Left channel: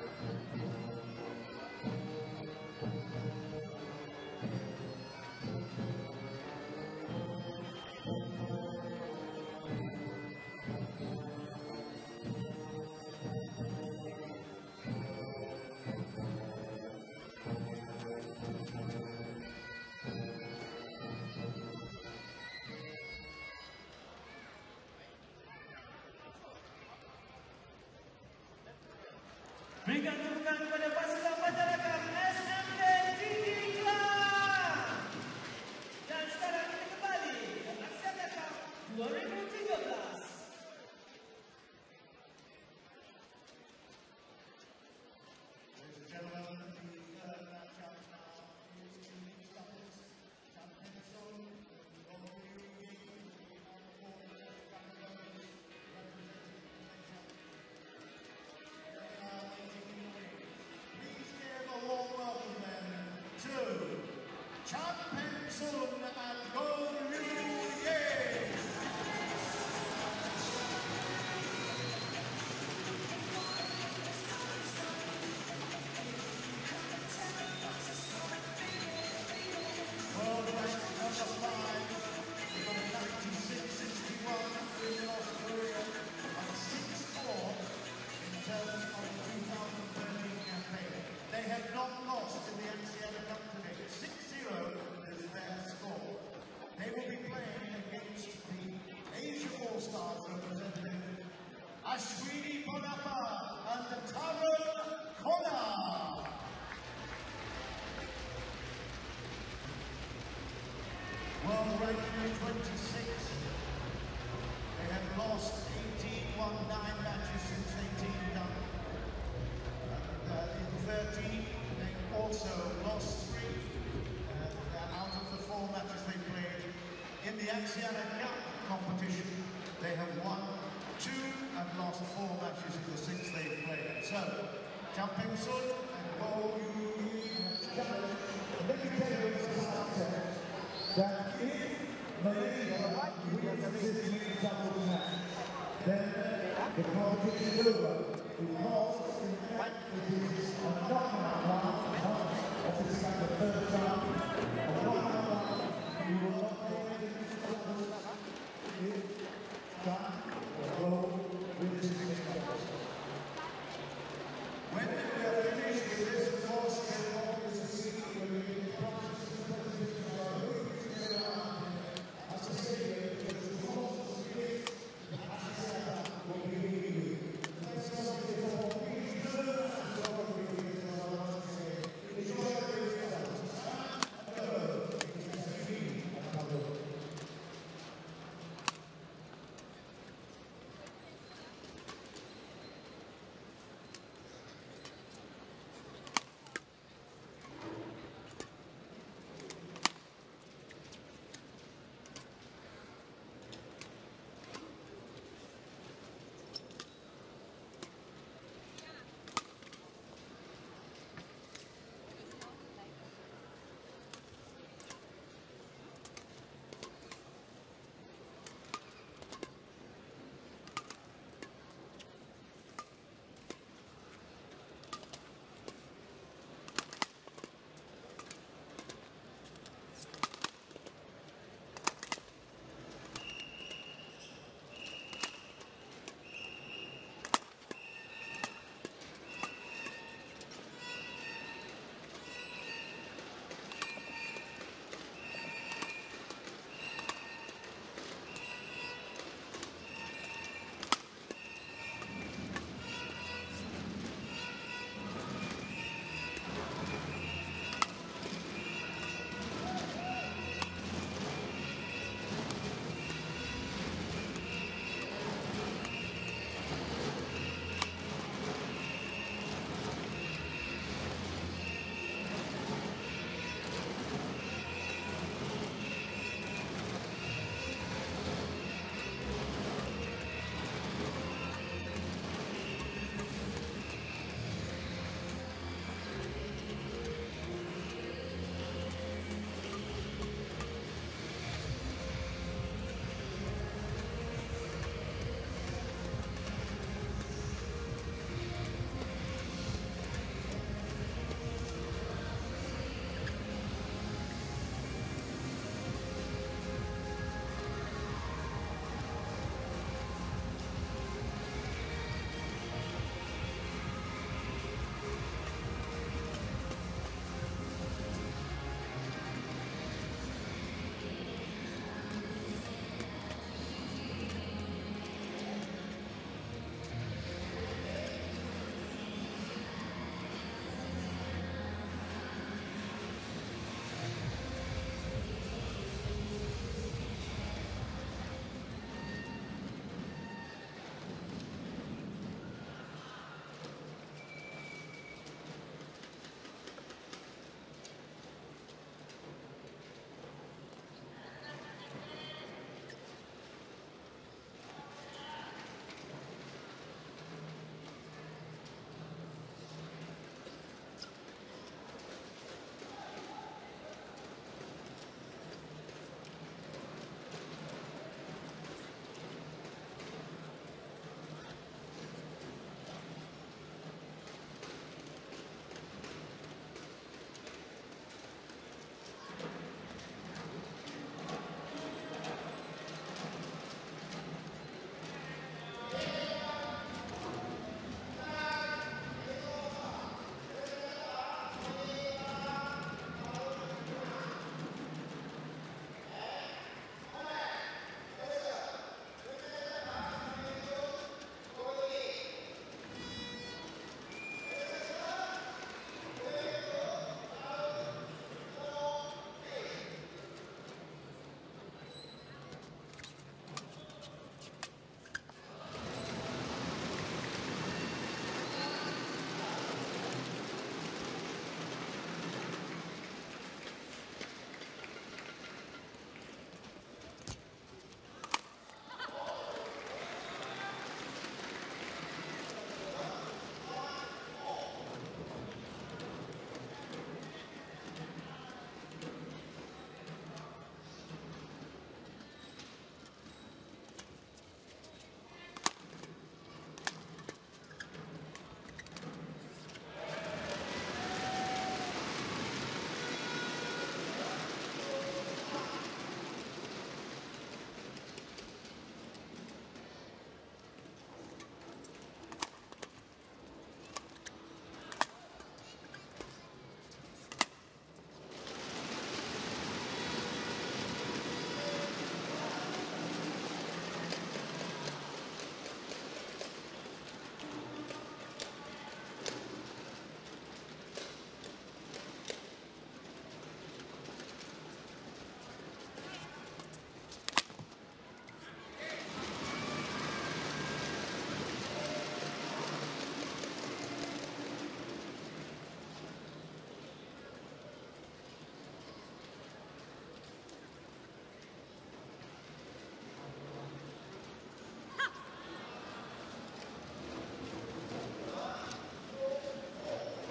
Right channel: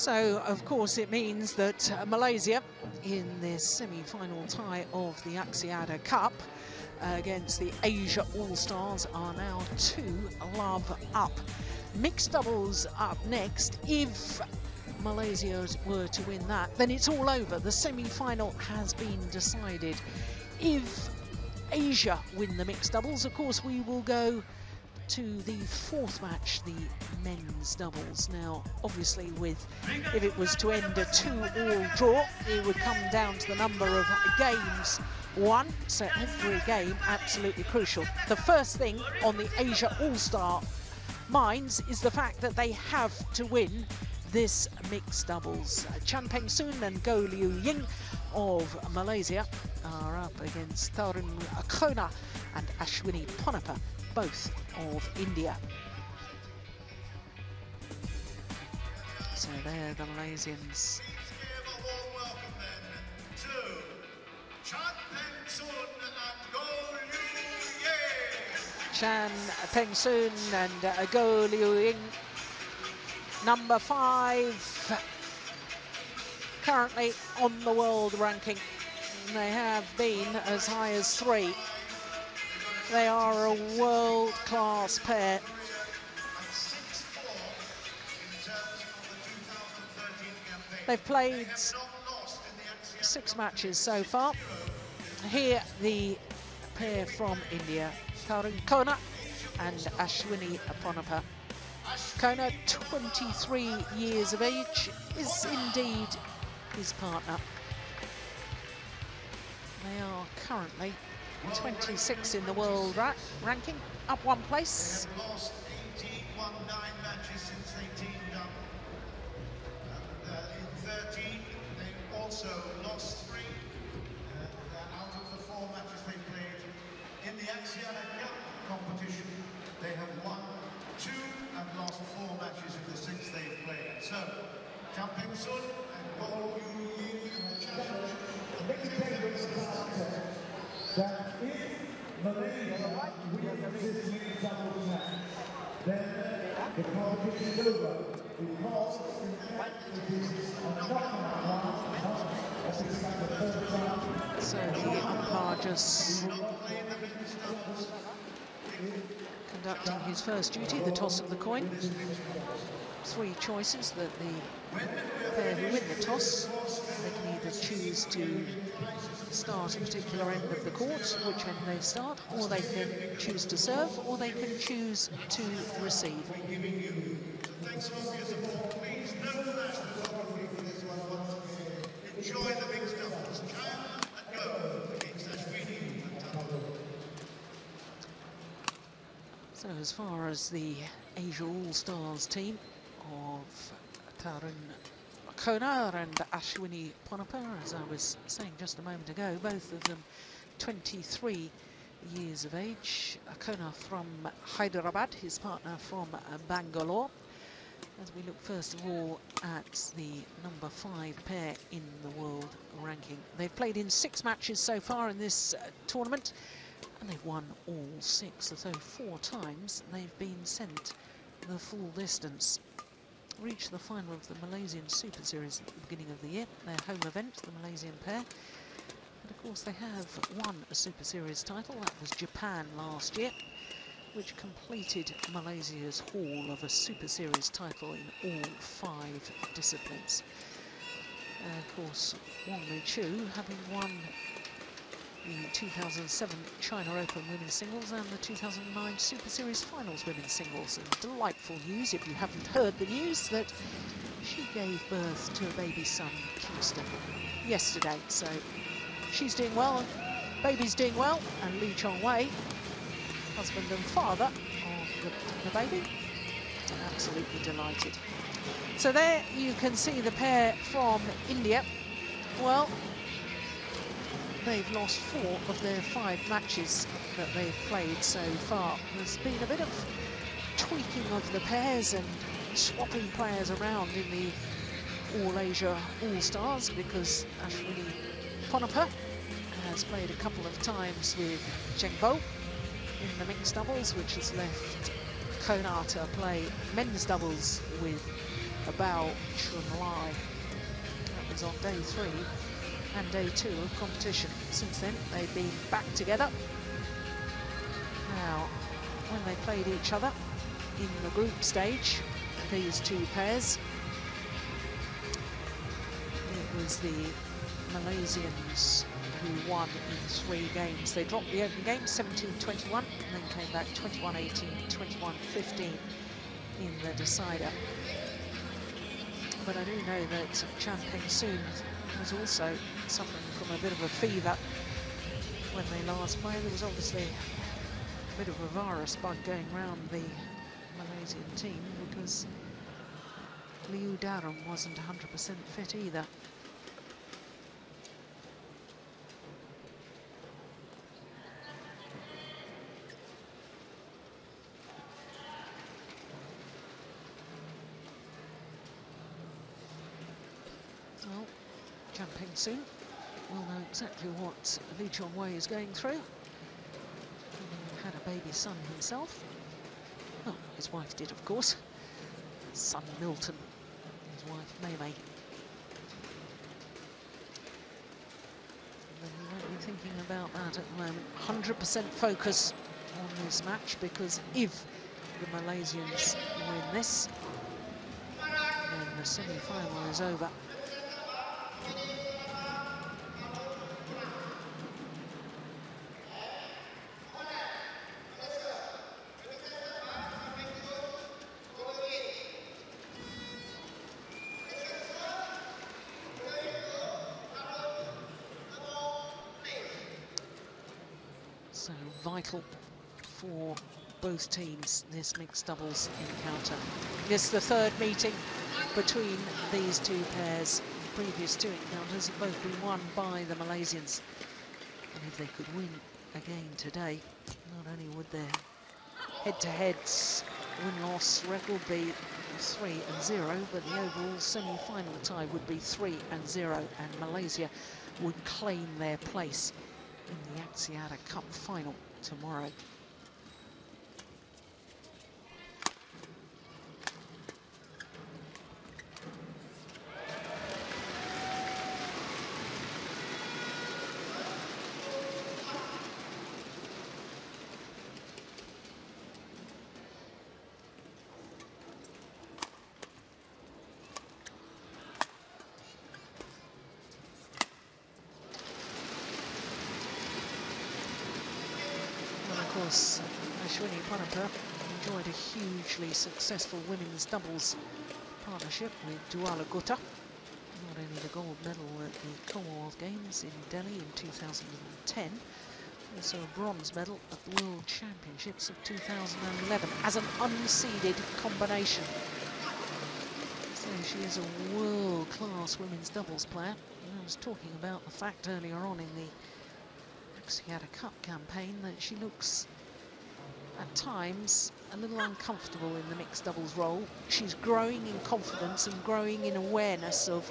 So, of course, it means that Malaysia, in this semi-final tie of the Axiata Cup against the Asia All-Stars, are now 2-love up. Mixed doubles up next. If Malaysia were to win that, then it's all over. The semi-final has been decided. If Asia win the mixed doubles, of course, we will go to the fourth match, the men's doubles. Now, obviously, if it was to end a 2-all draw, it would come down to the number of games won. So every game absolutely crucial. The first thing on the Asia All-Star minds is the fact that they have to win this mixed doubles. Peng and Ying of Malaysia are up against Tarun, T.Kona and Ashwini, A.Ponnappa, both of India. So they're the Malaysians. A warm welcome then to Peng and Ying. Number 5, currently on the world ranking. They have been as high as 3. They are a world-class pair. They've played 6 matches so far. Here, the pair from India, Tarun, T.Kona and Ashwini, A.Ponnappa. T.Kona, 23 years of age, is indeed his partner. They are currently 26 in the world ranking, up 1 place. They have lost 18, 9 matches since 18 done. In 13, they also lost 3 out of the 4 matches they played. In the Axiata Cup competition, they have won 2 and lost 4 matches in the 6 they've played. So, Peng and Go. Let me tell you that if Malaysia wins this mixed doubles match, then the competition is over, because in fact it is a knockout round, not the 3rd round. So Ying just conducting his first duty, the toss of the coin. 3 choices that the toss. They can choose to start a particular end of the court, whichever they start, or they can choose to serve, or they can choose to receive. So as far as the Asia All-Stars team of Tarun, T.Kona and Ashwini, A.Ponnappa, as I was saying just a moment ago, both of them 23 years of age. T.Kona from Hyderabad, his partner from Bangalore. As we look first of all at the number 5 pair in the world ranking. They've played in 6 matches so far in this tournament, and they've won all 6, so 4 times they've been sent the full distance. Reached the final of the Malaysian Super Series at the beginning of the year, their home event, the Malaysian pair. And of course they have won a Super Series title, that was Japan last year, which completed Malaysia's haul of a Super Series title in all 5 disciplines. And of course, Wang Chu, having won the 2007 China Open women's singles and the 2009 Super Series finals women's singles. And delightful news, if you haven't heard the news, that she gave birth to a baby son, Houston, yesterday. So she's doing well, baby's doing well, and Lee Chong Wei, husband and father of the baby, absolutely delighted. So there you can see the pair from India. Well, they've lost 4 of their 5 matches that they've played so far. There's been a bit of tweaking of the pairs and swapping players around in the All-Asia All-Stars, because A.Ponnappa has played a couple of times with Cheng Bo in the mixed doubles, which has left T.Kona to play men's doubles with Bao Chunla. was on day 3 and day 2 of competition. Since then, they've been back together. Now, when they played each other in the group stage, these two pairs, it was the Malaysians who won 3 games. They dropped the opening game 17-21 and then came back 21-18, 21-15 in the decider. But I do know that Peng was also suffering from a bit of a fever when they last played. There was obviously a bit of a virus bug going around the Malaysian team because Tarun wasn't 100% fit either. We'll know exactly what Lee Chong-wei is going through. Had a baby son himself. Oh, his wife did, of course. His son Milton, his wife Mei. I'm thinking about that at the moment. 100% focus on this match, because if the Malaysians win this, then the semi-final is over. Vital for both teams, this mixed doubles encounter. This is the 3rd meeting between these two pairs. The previous 2 encounters have both been won by the Malaysians. And if they could win again today, not only would their head-to-heads win-loss record be 3-0, but the overall semi-final tie would be 3-0, and Malaysia would claim their place in the Axiata Cup final tomorrow. Successful women's doubles partnership with Kuala, winning the gold medal at the Commonwealth Games in Delhi in 2010, also a bronze medal at the World Championships in 2011 as an unseeded combination. So she is a world-class women's doubles player. I was talking about the fact earlier on in the Axiata Cup campaign that she looks at times a little uncomfortable in the mixed doubles role. She's growing in confidence and growing in awareness of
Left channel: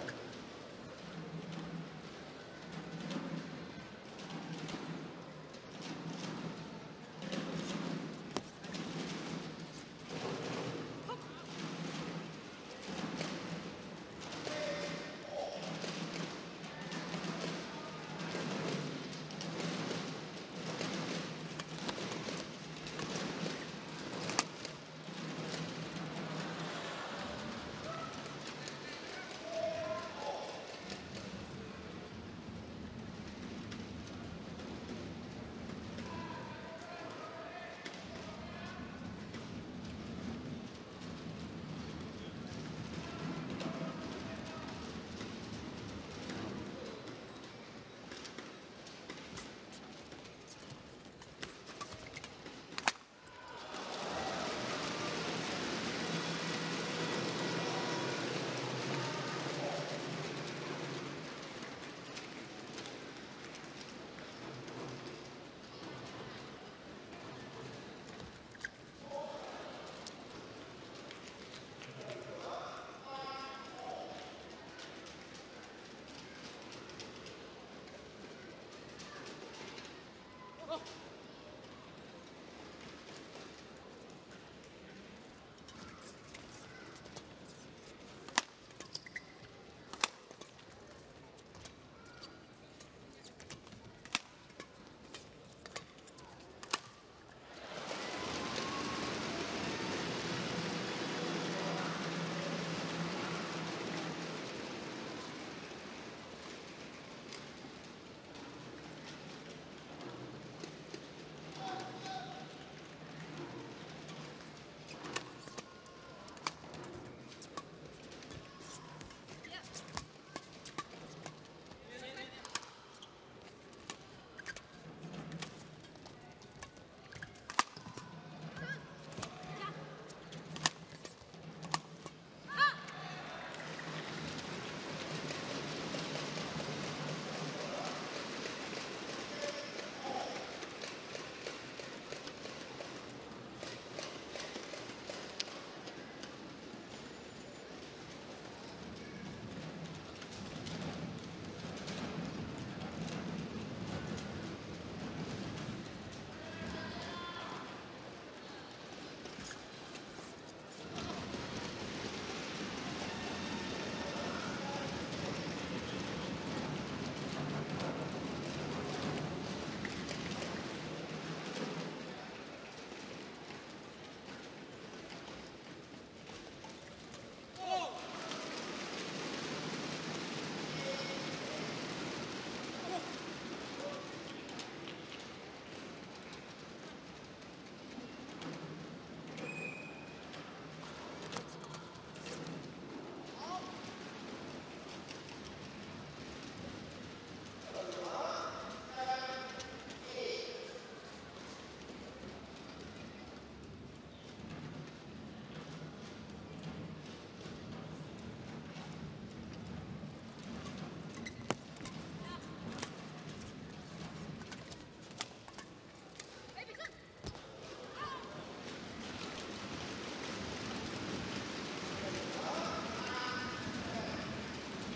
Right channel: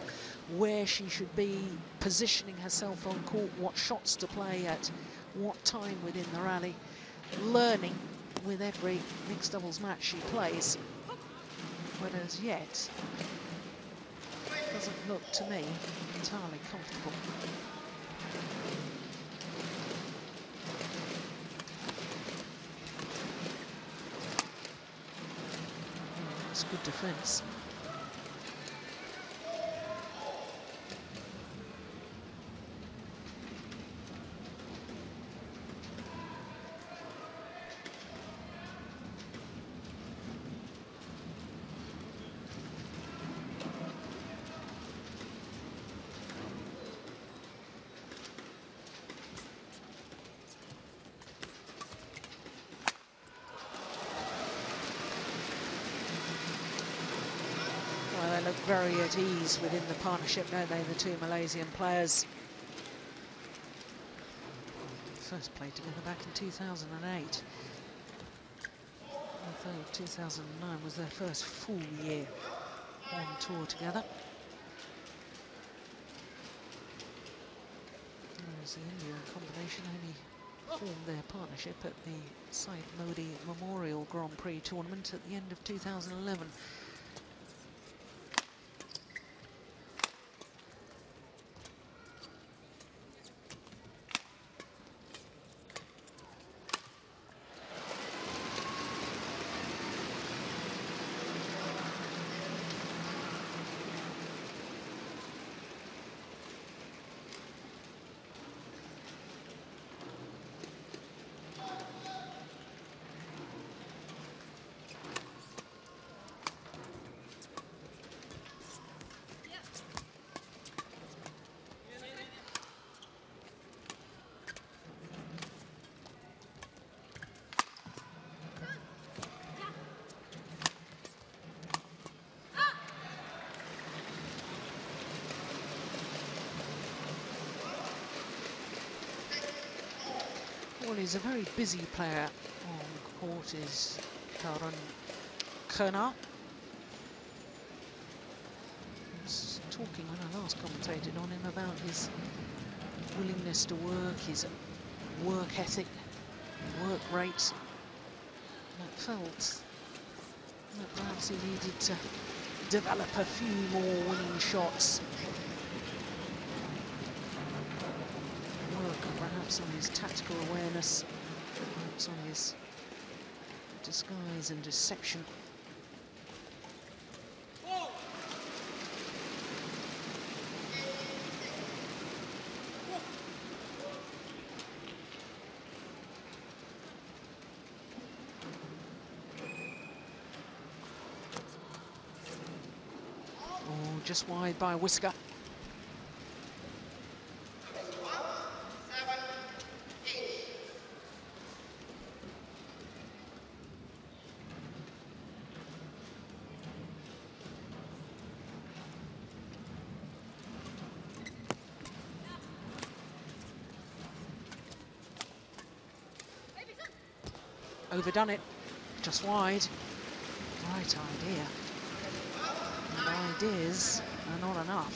where she should be positioning herself on court, what shots to play at what time within the rally, learning with every mixed doubles match she plays. But as yet, it doesn't look to me entirely comfortable. Good defense. Very at ease within the partnership, don't they, the two Malaysian players. First played together back in 2008. Although 2009 was their first full year on tour together. The combination only formed their partnership at the St. Modi Memorial Grand Prix tournament at the end of 2011. he's a very busy player on court, is T.Kona. I was talking when I last commentated on him about his willingness to work, his work ethic, work rates. I felt that perhaps he needed to develop a few more winning shots. Perhaps on his tactical awareness, perhaps on his disguise and deception. Just wide by a whisker. Overdone it, just wide. Right idea. Ideas are not enough.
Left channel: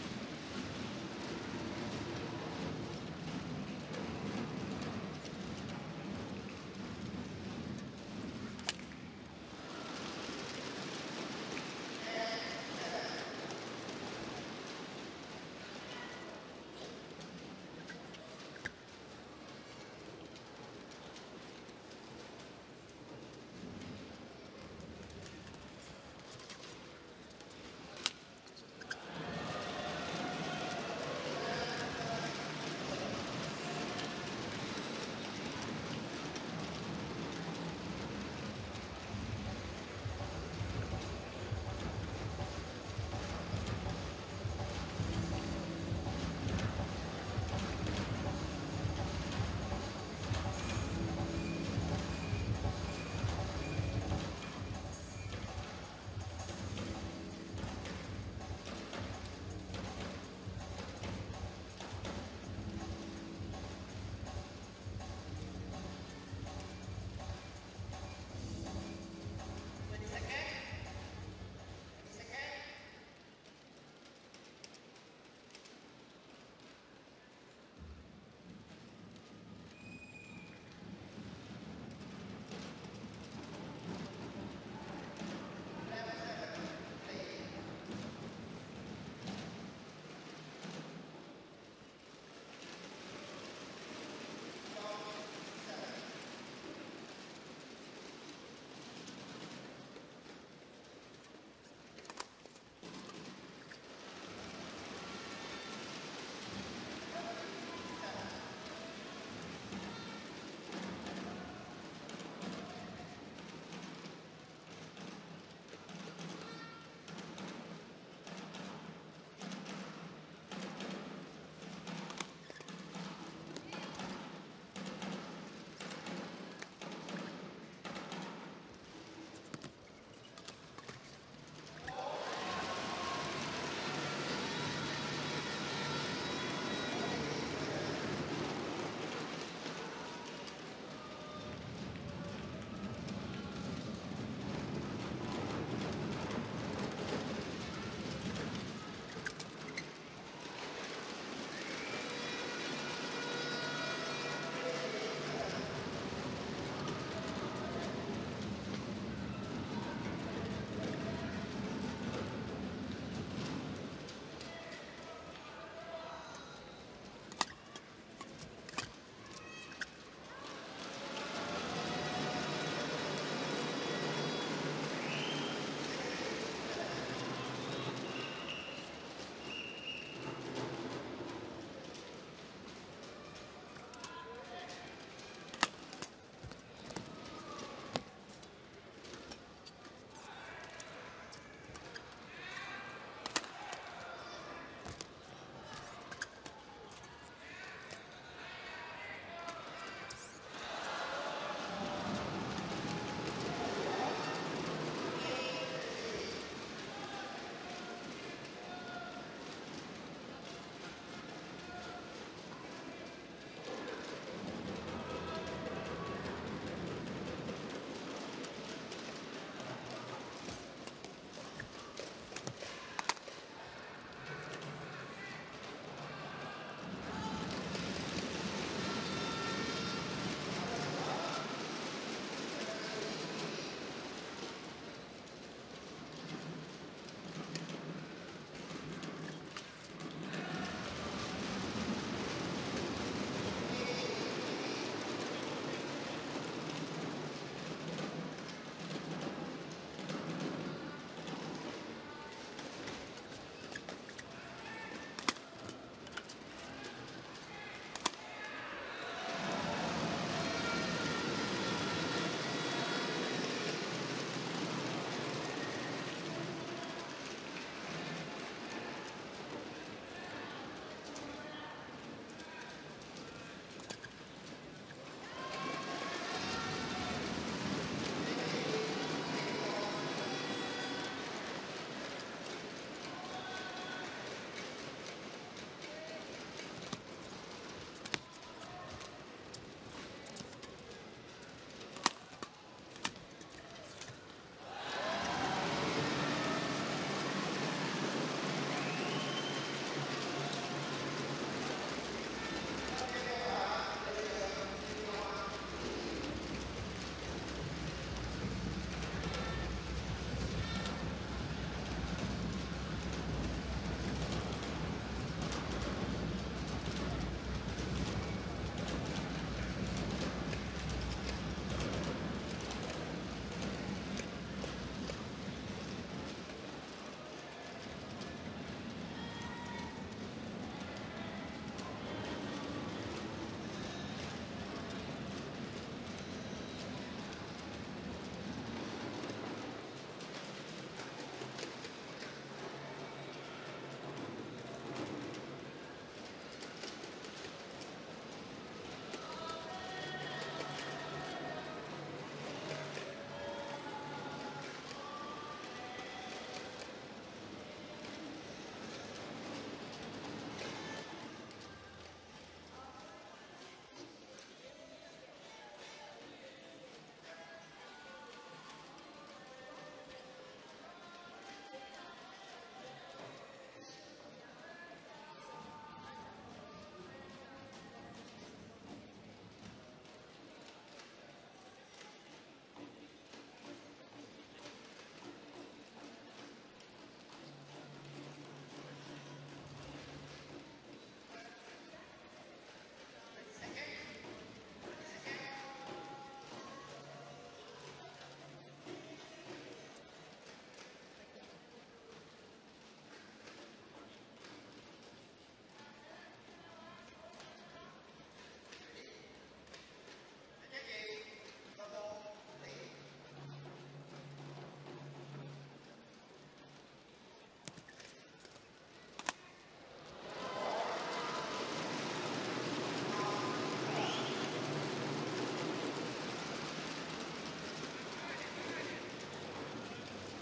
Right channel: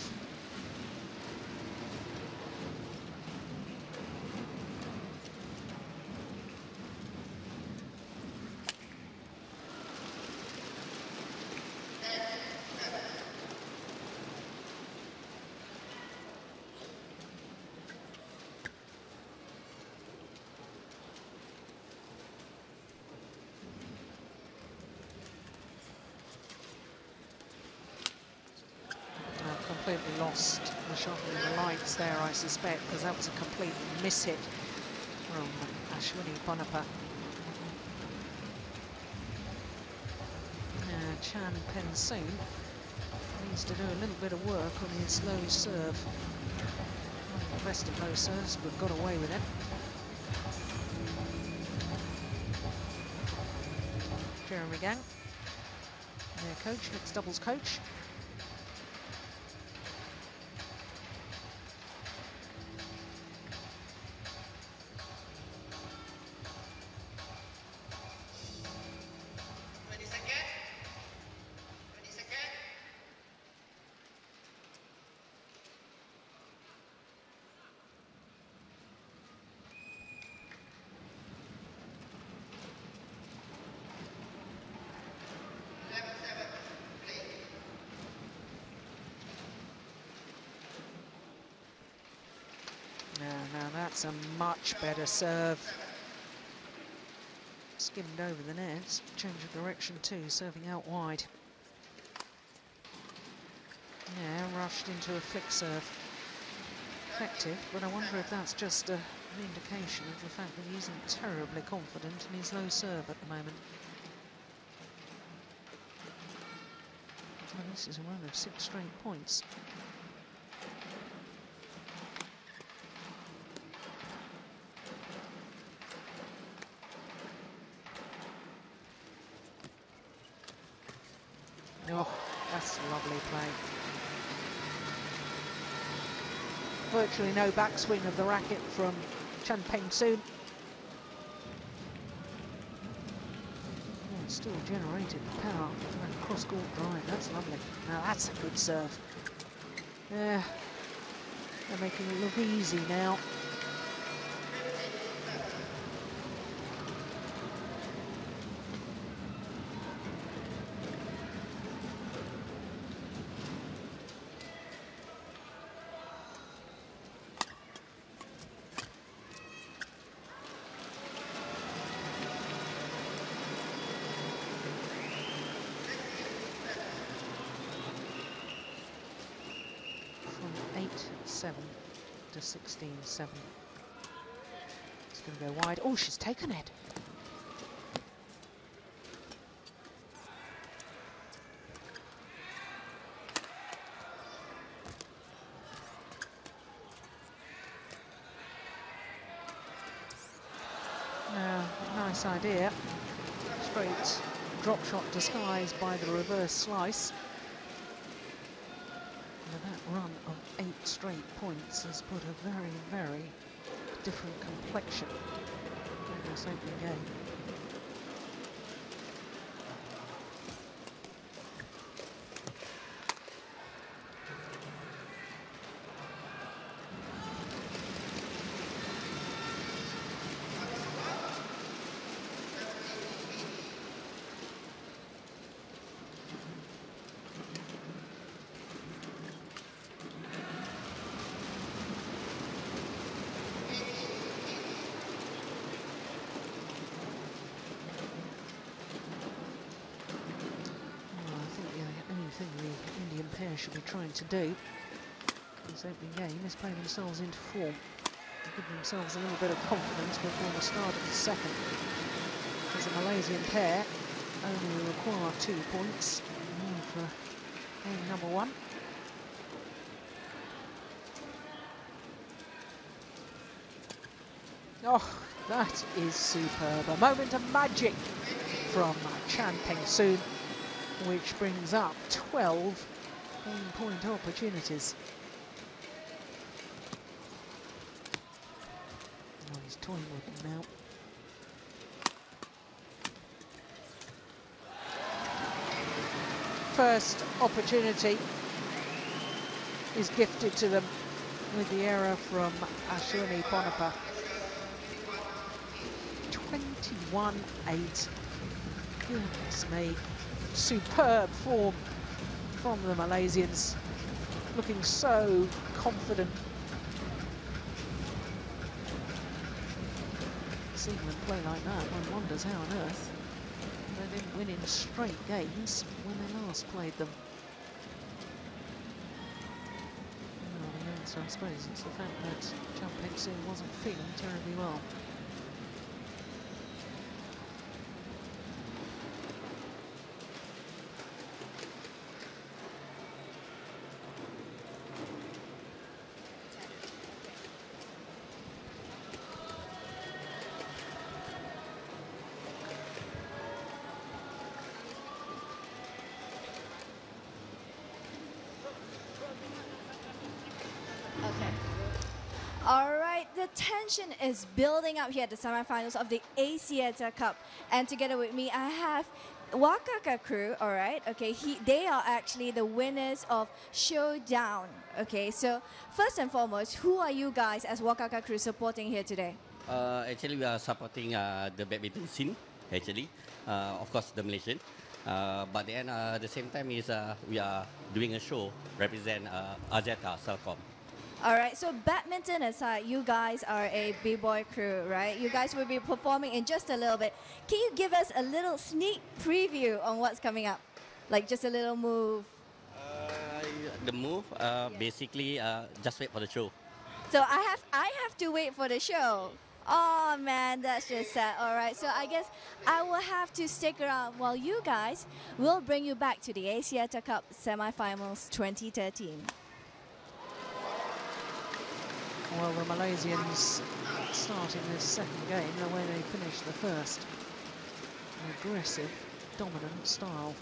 Lost the shot in the lines there, I suspect, because that was a complete miss hit from Ashwini A.Ponnappa. Chan Peng needs to do a little bit of work on his slow serve. The rest of those serves, we've got away with it. Jeremy Gang, their coach, ex-doubles coach. That's a much better serve. Skimmed over the net, change of direction too, serving out wide. Yeah, rushed into a flick serve. Effective, but I wonder if that's just an indication of the fact that he isn't terribly confident in his low serve at the moment. This is a run of 6 straight points. Oh, that's a lovely play. Virtually no backswing of the racket from Chan Peng. Still generating power. Cross court drive, that's lovely. Now that's a good serve. Yeah, they're making it look easy now. It's going to go wide. Oh, she's taken it. Nice idea. Straight drop shot disguised by the reverse slice. That run of 8 straight points has put a very, very different complexion do. This opening game is playing themselves into form, giving themselves a little bit of confidence before the start of the second. As the Malaysian pair only require 2 points for game number 1. Oh, that is superb. A moment of magic from Peng, which brings up 12 point opportunities. He's toying with it now. First opportunity is gifted to them with the error from Ashwini A.Ponnappa. 21-8. Goodness me. Superb form from the Malaysians. Looking so confident. Seeing them play like that, one wonders how on earth they've been winning straight games when they last played them. So I suppose it's the fact that Peng wasn't fit terribly well. All right, the tension is building up here at the semifinals of the Axiata Cup. And together with me, I have Wakaka crew, all right? Okay, they are actually the winners of Showdown. Okay, so first and foremost, who are you guys as Wakaka crew supporting here today? Actually, we are supporting the badminton scene, actually. Of course, the Malaysian. But then, at the same time, is we are doing a show represent Axiata Cup. All right, so badminton aside, you guys are a b-boy crew, right? You guys will be performing in just a little bit. Can you give us a little sneak preview on what's coming up? Like just a little move. The move, basically, just wait for the show. So I have to wait for the show. Oh man, that's just sad. All right, so I guess I will have to stick around while you guys will bring you back to the Axiata Cup semifinals 2013. Well, the Malaysians starting this second game the way they finished the first. Aggressive, dominant style.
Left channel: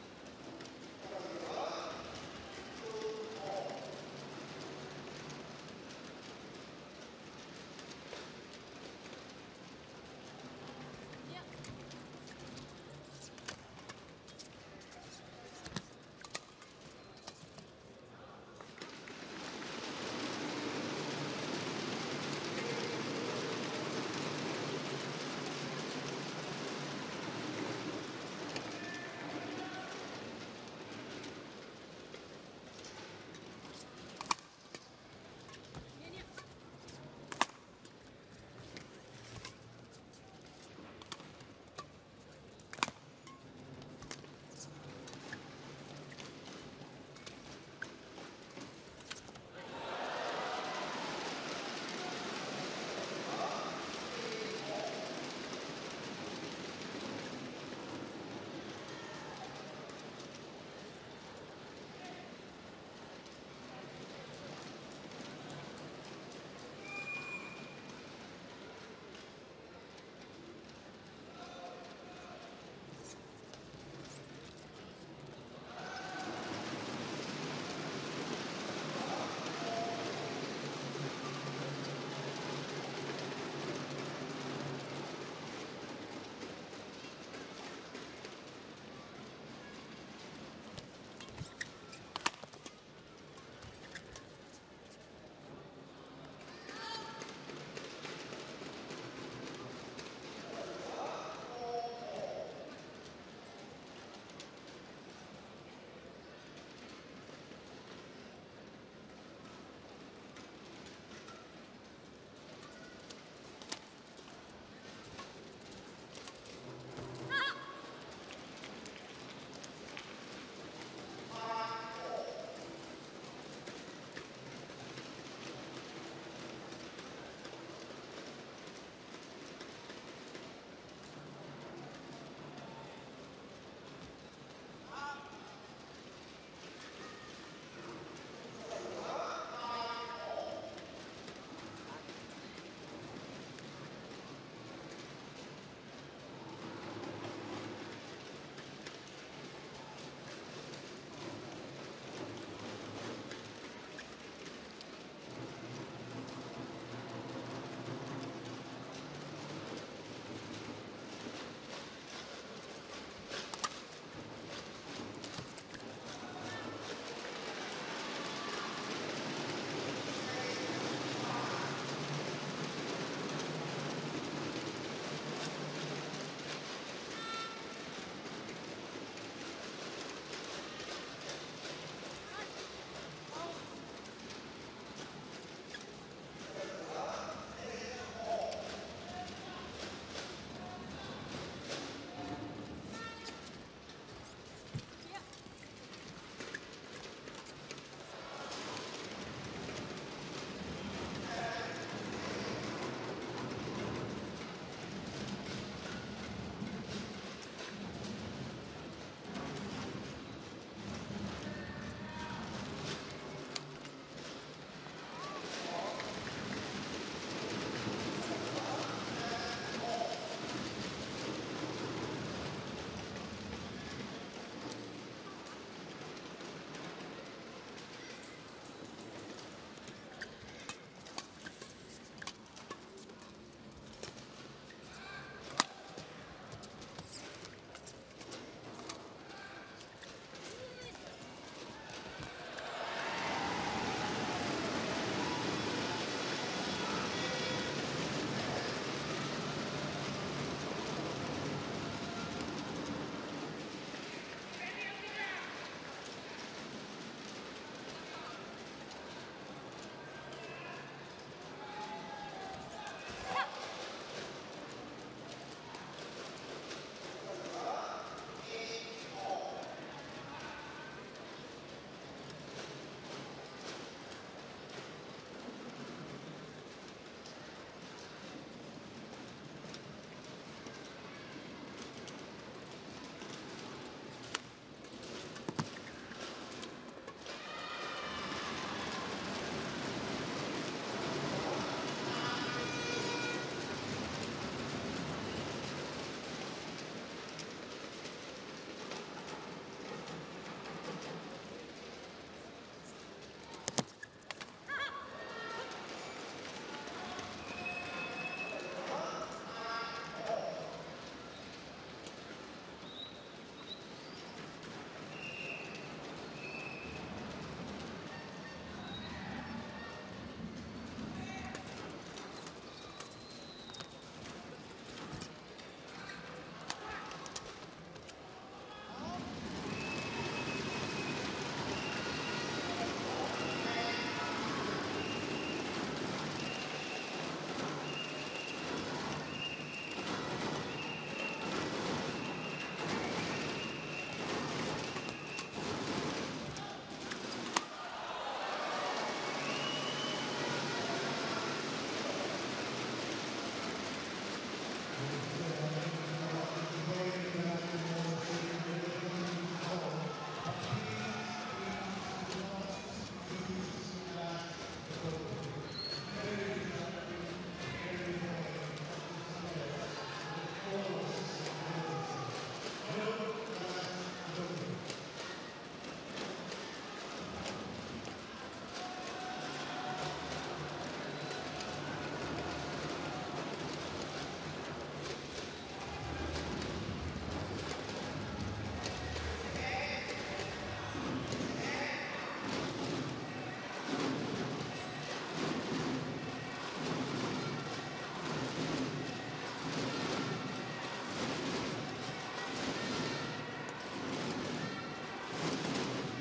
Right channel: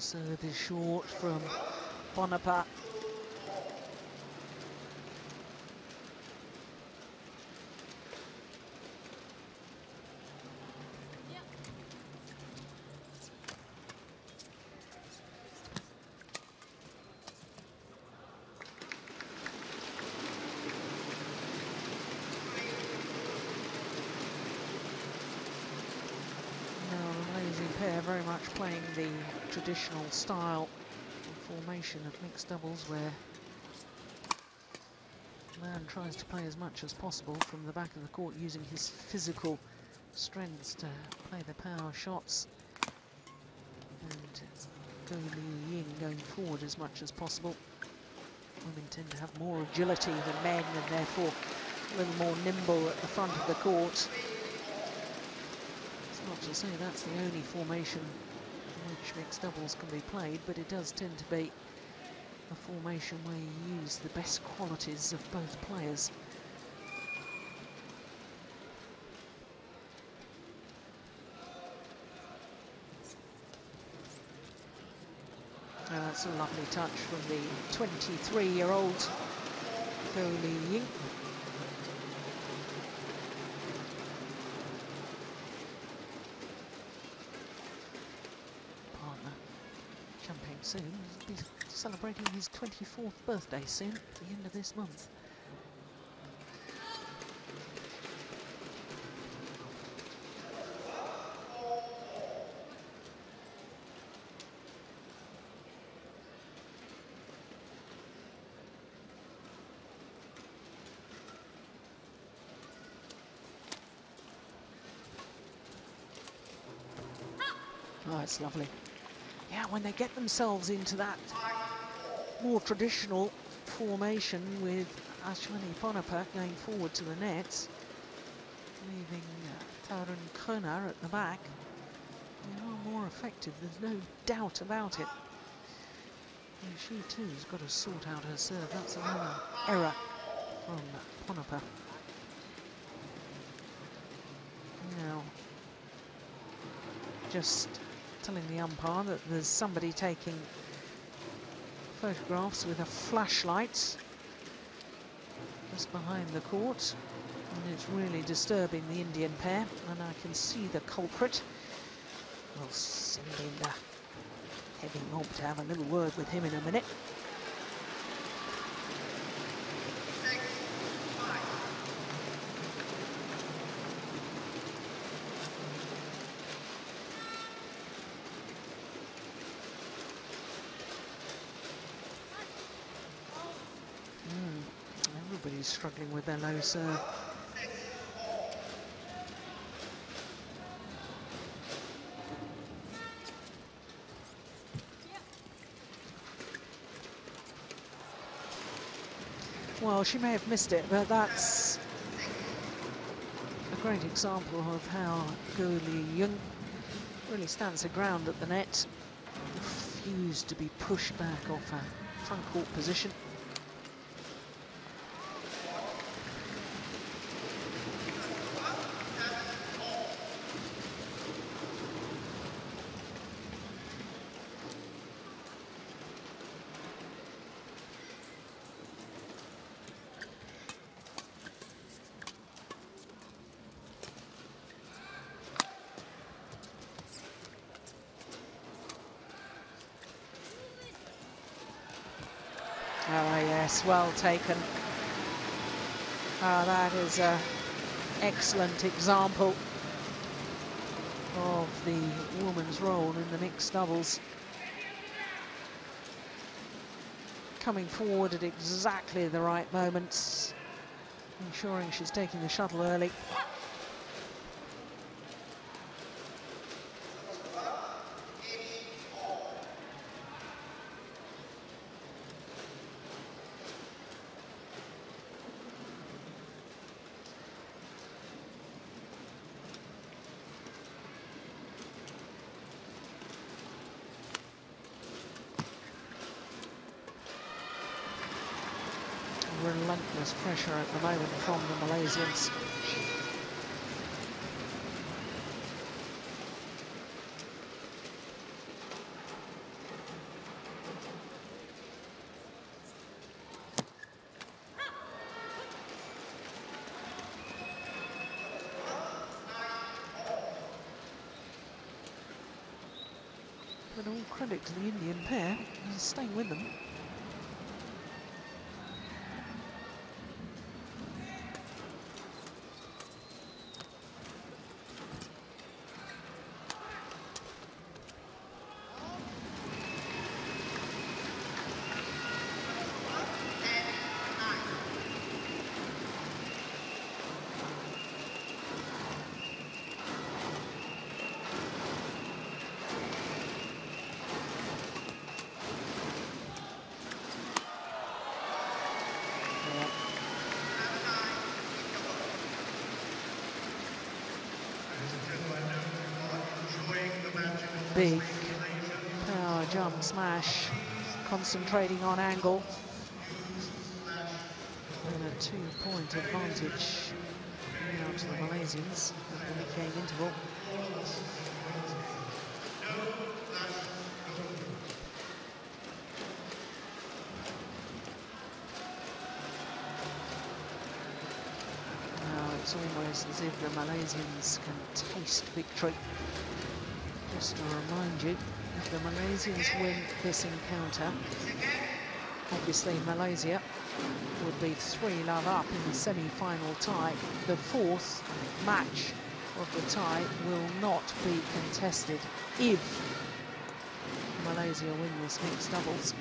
Serve is short from A.Ponnappa. Very much playing the traditional style formation of mixed doubles where man tries to play as much as possible from the back of the court using his physical strengths to play the power shots and Ying going forward as much as possible. Women tend to have more agility than men and therefore a little more nimble at the front of the court. So that's the only formation in which mixed doubles can be played, but it does tend to be a formation where you use the best qualities of both players. And that's a lovely touch from the 23-year-old Ying. soon. He's celebrating his 24th birthday soon, at the end of this month. Oh, it's lovely. Yeah, when they get themselves into that more traditional formation with Ashwini Ponnappa going forward to the nets, leaving T.Kona at the back, they are more effective, there's no doubt about it. And she too has got to sort out her serve. That's another error from Ponnappa. Now, just telling the umpire that there's somebody taking photographs with a flashlight just behind the court, and it's really disturbing the Indian pair, and I can see the culprit. I'll send Eddie Holt to have a little word with him in a minute. Struggling with their low serve. Well, she may have missed it, but that's a great example of how Ying really stands her ground at the net. Refused to be pushed back off her front court position. Well taken. That is an excellent example of the women's role in the mixed doubles. Coming forward at exactly the right moments, ensuring she's taking the shuttle early. Pressure at the moment from the Malaysians. And all credit to the Indian pair, he's staying with them. Big power jump smash, concentrating on angle. A 2-point advantage to the Malaysians. It's almost as if the Malaysians can taste victory. Just to remind you, the Malaysians Malaysians win this encounter, obviously Malaysia will be 3-0 up in the semi-final tie. The fourth match of the tie will not be contested if Malaysia win this mixed doubles.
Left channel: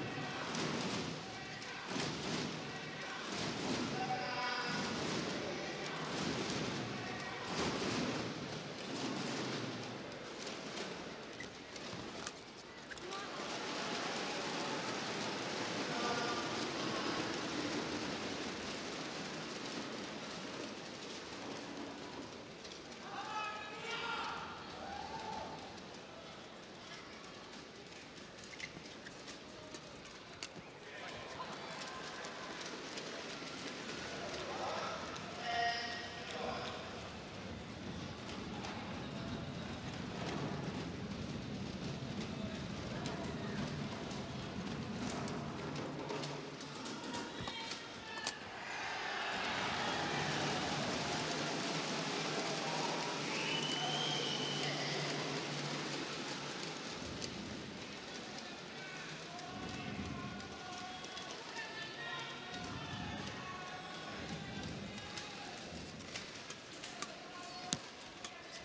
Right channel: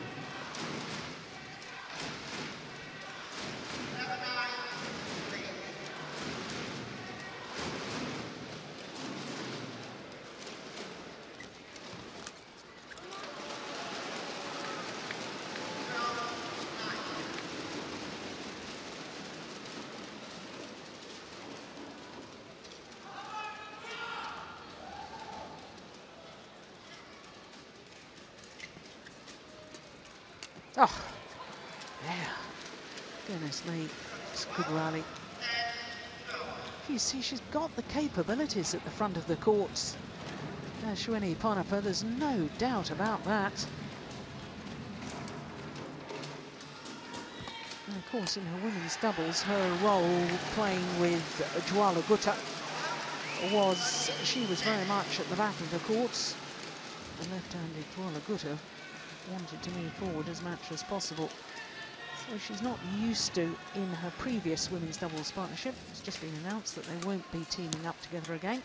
Oh, yeah. Goodness me, it's a good rally. You see, she's got the capabilities at the front of the courts. Ashwini A.Ponnappa, there's no doubt about that. And of course, in her women's doubles, her role playing with Kuala was, she was very much at the back of the courts. The left-handed Kuala wanted to move forward as much as possible. So she's not used to, in her previous women's doubles partnership, it's just been announced that they won't be teaming up together again.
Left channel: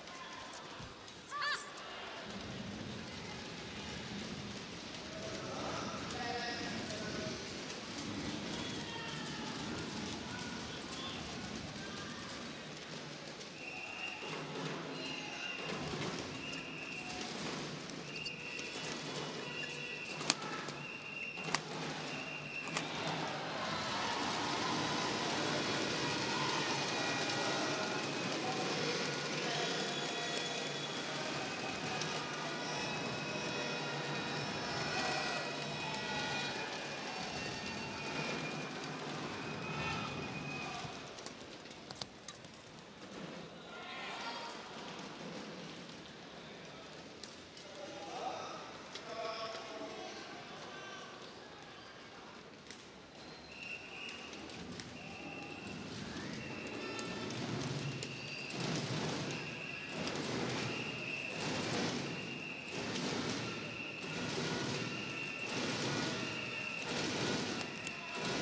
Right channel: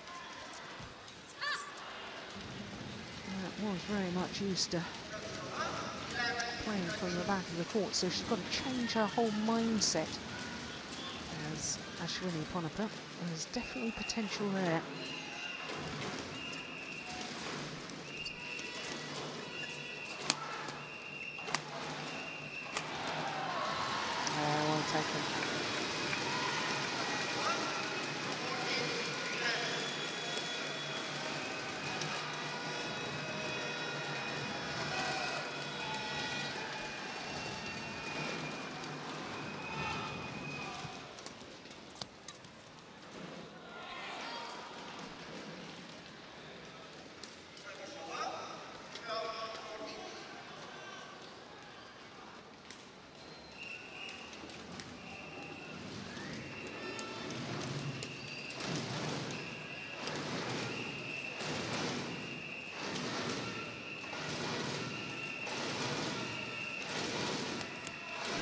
And it was very much used to playing from the back of the court, so she's got to change her whole mindset. As Ashwini A.Ponnappa, there's definitely potential there.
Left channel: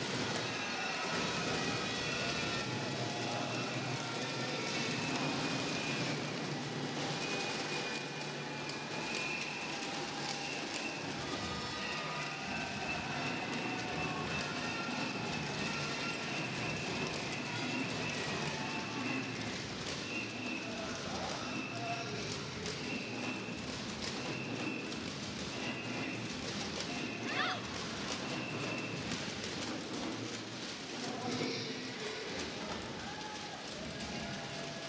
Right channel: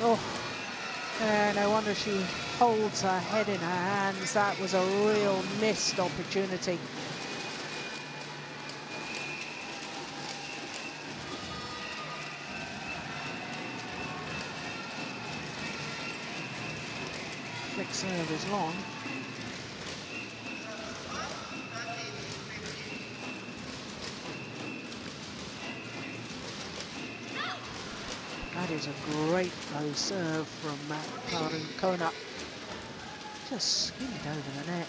Oh, no wonder she holds her head in her hands. That was a real missed opportunity. Quick serve is long. Great low serve from T.Kona. Just spinning over the net.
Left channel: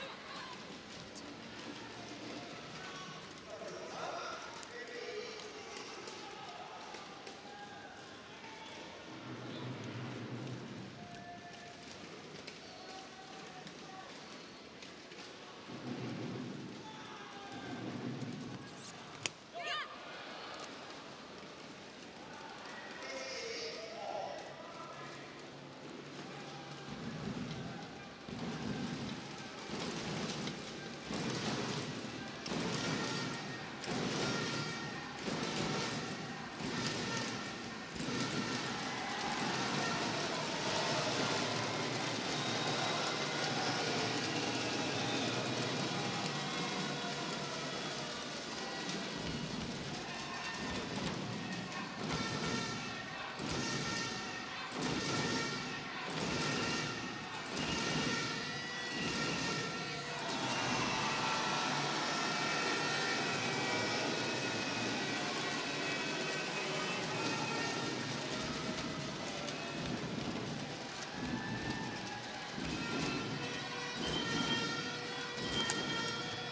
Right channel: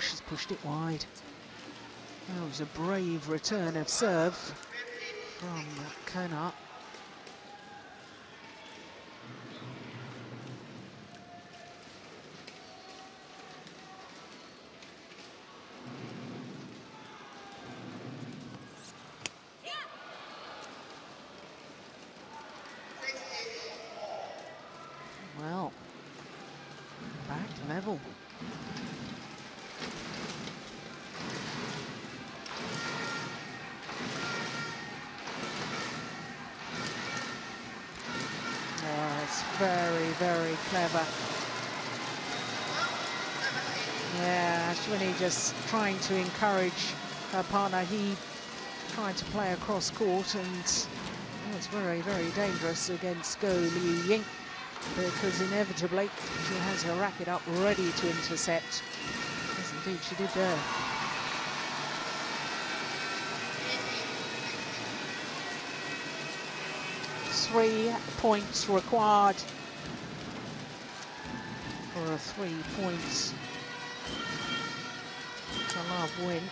She's pushed it wide. That was a brave return of serve from Kona. Well, back to level. Very clever. Yeah, Ashwini just trying to encourage her partner. He tried to play across court, and it's very, very dangerous against Ying, because inevitably she has her racket up ready to intercept. Indeed, she did there. 3 points required for a 3 points to love win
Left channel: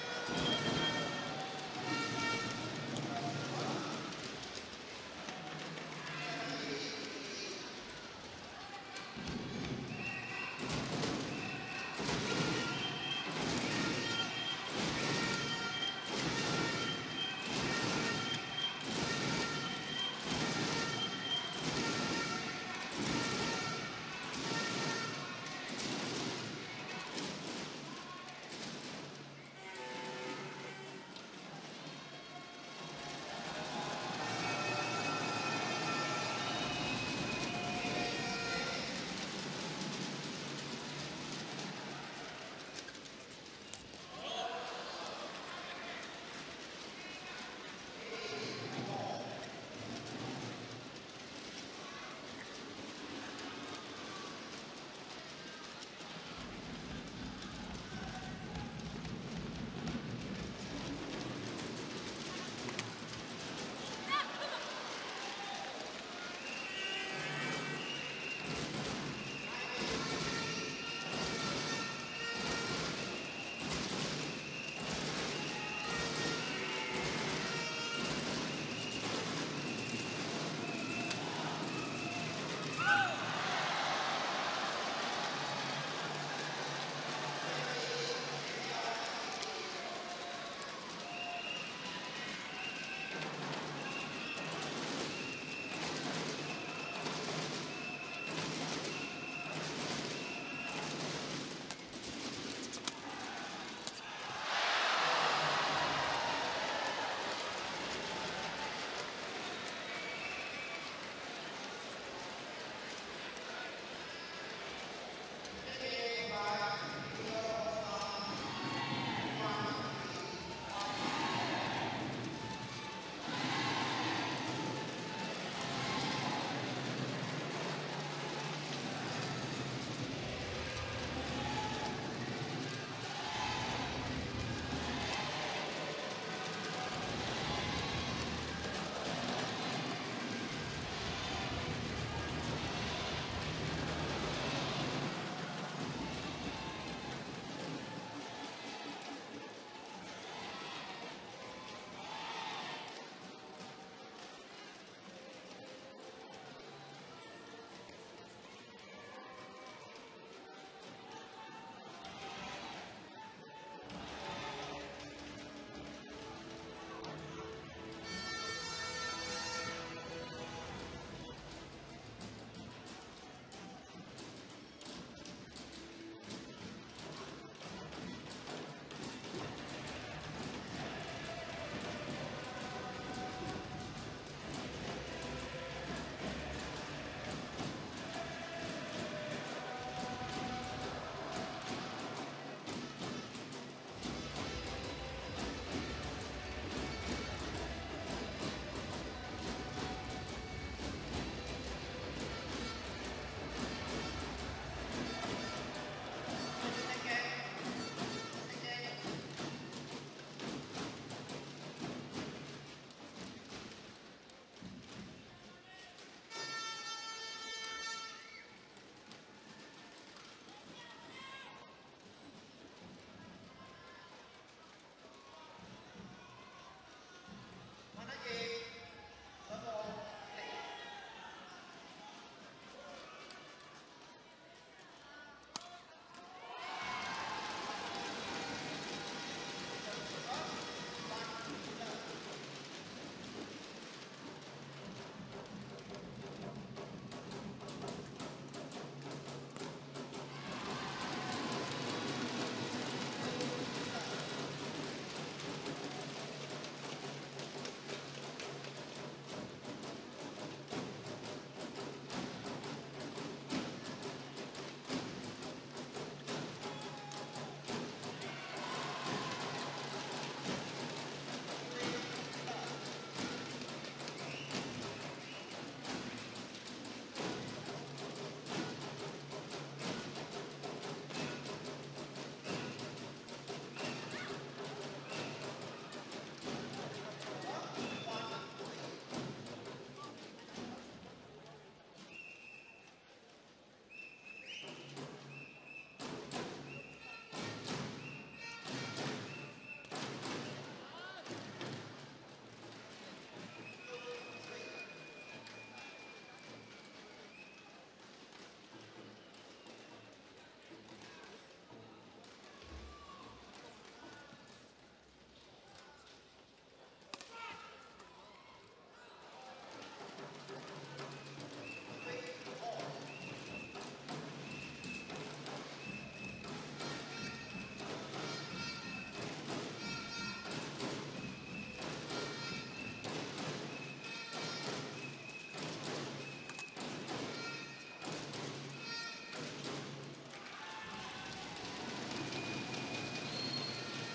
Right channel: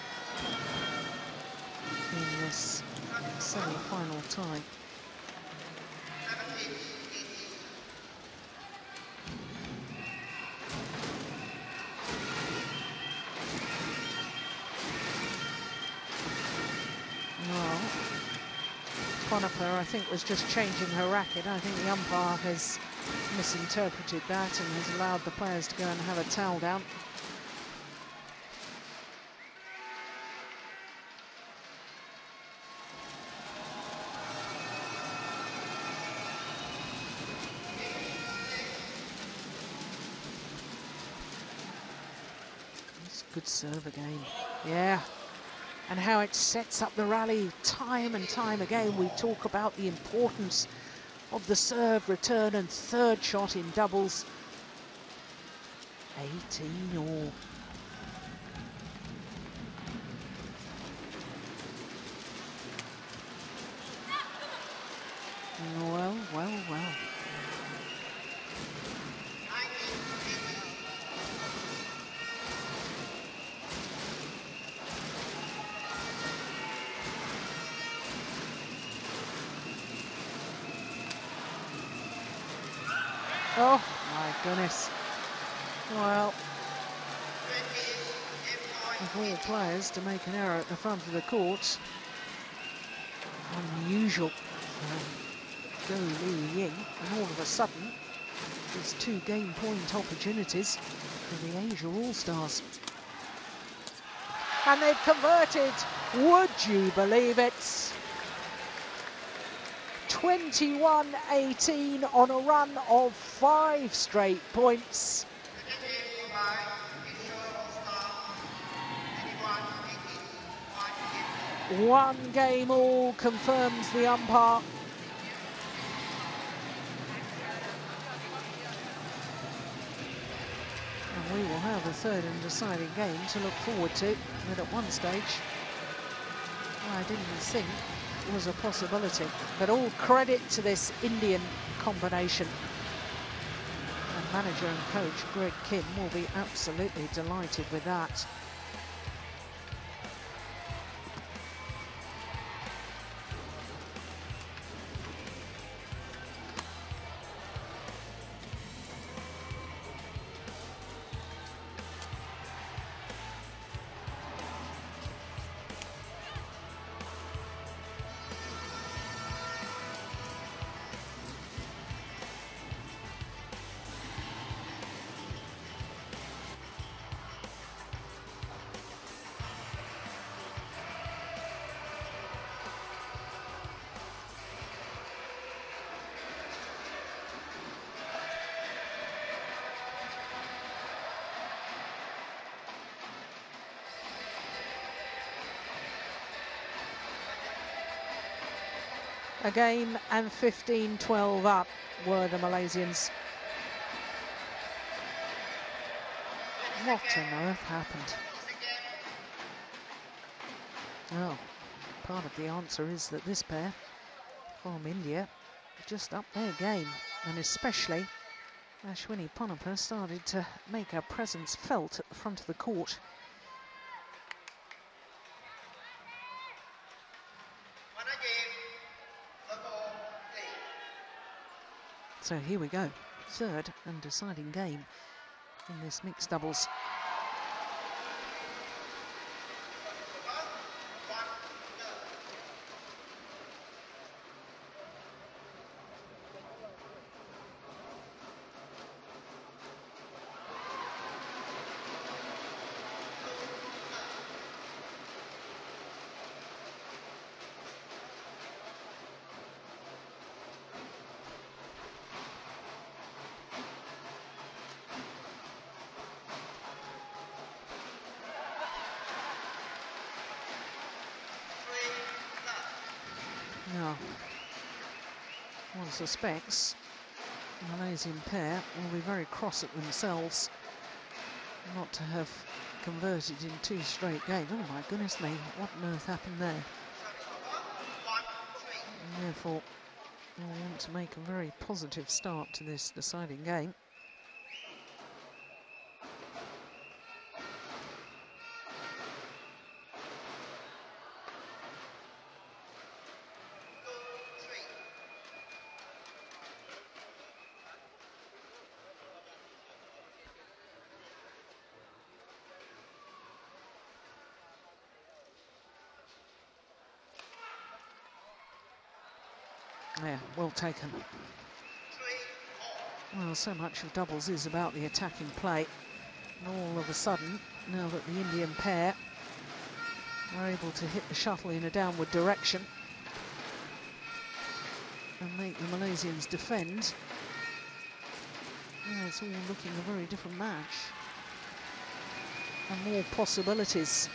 in this semi-final tie. I think, was just changing her racket. I think the umpire has misinterpreted that and has allowed the players to go and have a towel down. Good serve again. Yeah. And how it sets up the rally time and time again. We talk about the importance of the serve, return and third shot in doubles. 18 all. Well, well, well. Oh, my goodness. Well, of all players to make an error at the front of the court, unusual. Ying, and all of a sudden, there's 2 game point opportunities for the Asia All-Stars. And they've converted, would you believe it? 21-18 on a run of 5 straight points. One game all confirms the umpire. And we will have a third and deciding game to look forward to. But at one stage, I didn't think was a possibility, but all credit to this Indian combination. And manager and coach Greg Kim will be absolutely delighted with that. A game and 15-12 up were the Malaysians. What on earth happened? Oh, part of the answer is that this pair from India just upped their game, and especially Ashwini A.Ponnappa started to make her presence felt at the front of the court. So here we go, third and deciding game in this mixed doubles. Suspects the Malaysian pair will be very cross at themselves not to have converted in 2 straight games. Oh my goodness me, what on earth happened there? And therefore, they want to make a very positive start to this deciding game. well taken. Well, so much of doubles is about the attacking play. All of a sudden, now that the Indian pair are able to hit the shuttle in a downward direction and make the Malaysians defend, yeah, it's all looking a very different match. And more possibilities.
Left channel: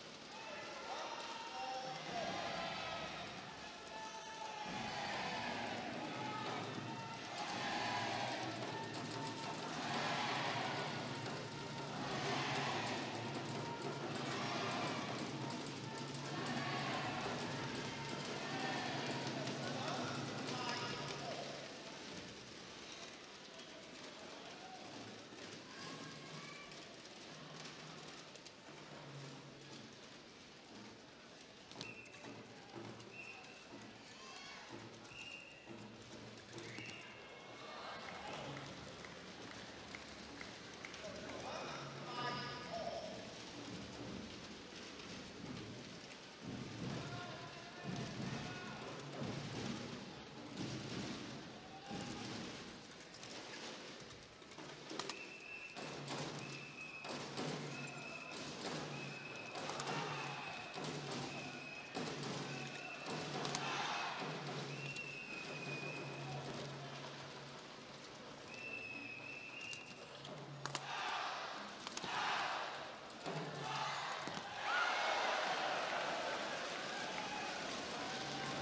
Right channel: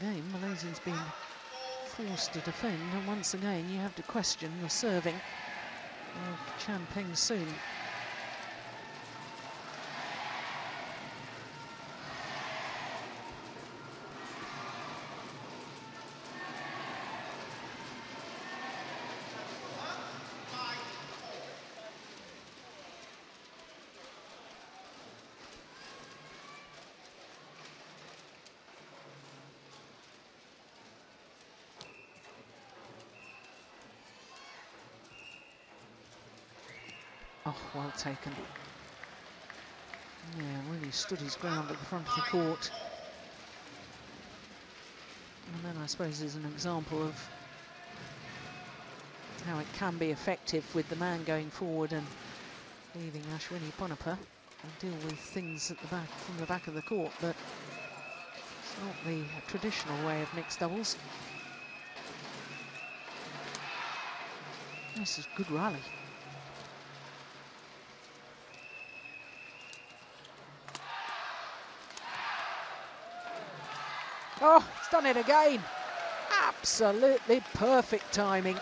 Again, Malaysia's been forced to defend, and once again you have to question the serving of Peng soon. Oh, well taken. Yeah, really stood his ground at the front of the court. And then I suppose is an example of how it can be effective with the man going forward and leaving Ashwini A.Ponnappa deal with things at the back, from the back of the court, but it's not the traditional way of mixed doubles. This is a good rally. Oh, he's done it again. Absolutely perfect timing.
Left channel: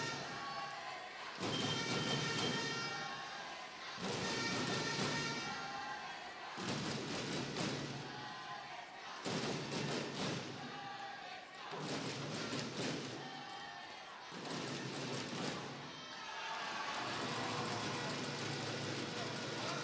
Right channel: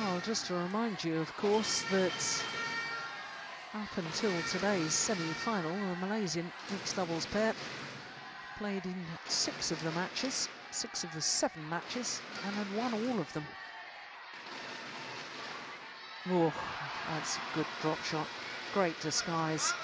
Well, just to remind you, of course, that up until today's semi-final, the Malaysian mixed doubles pair played in 6 of the matches, 6 of the 7 matches, and had won all of them. Oh, that's a good drop shot. Great disguise.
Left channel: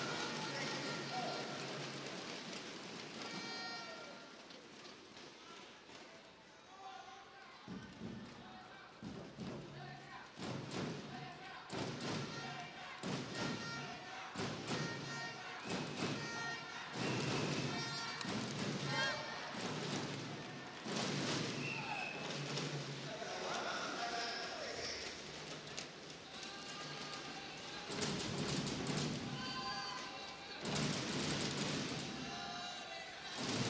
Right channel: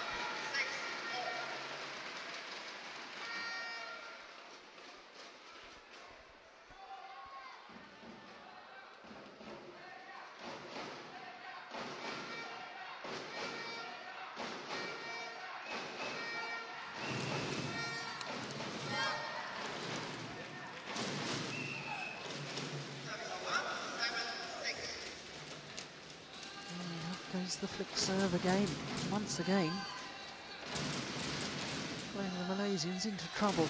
The flick serve again, once again, putting the Malaysians into trouble.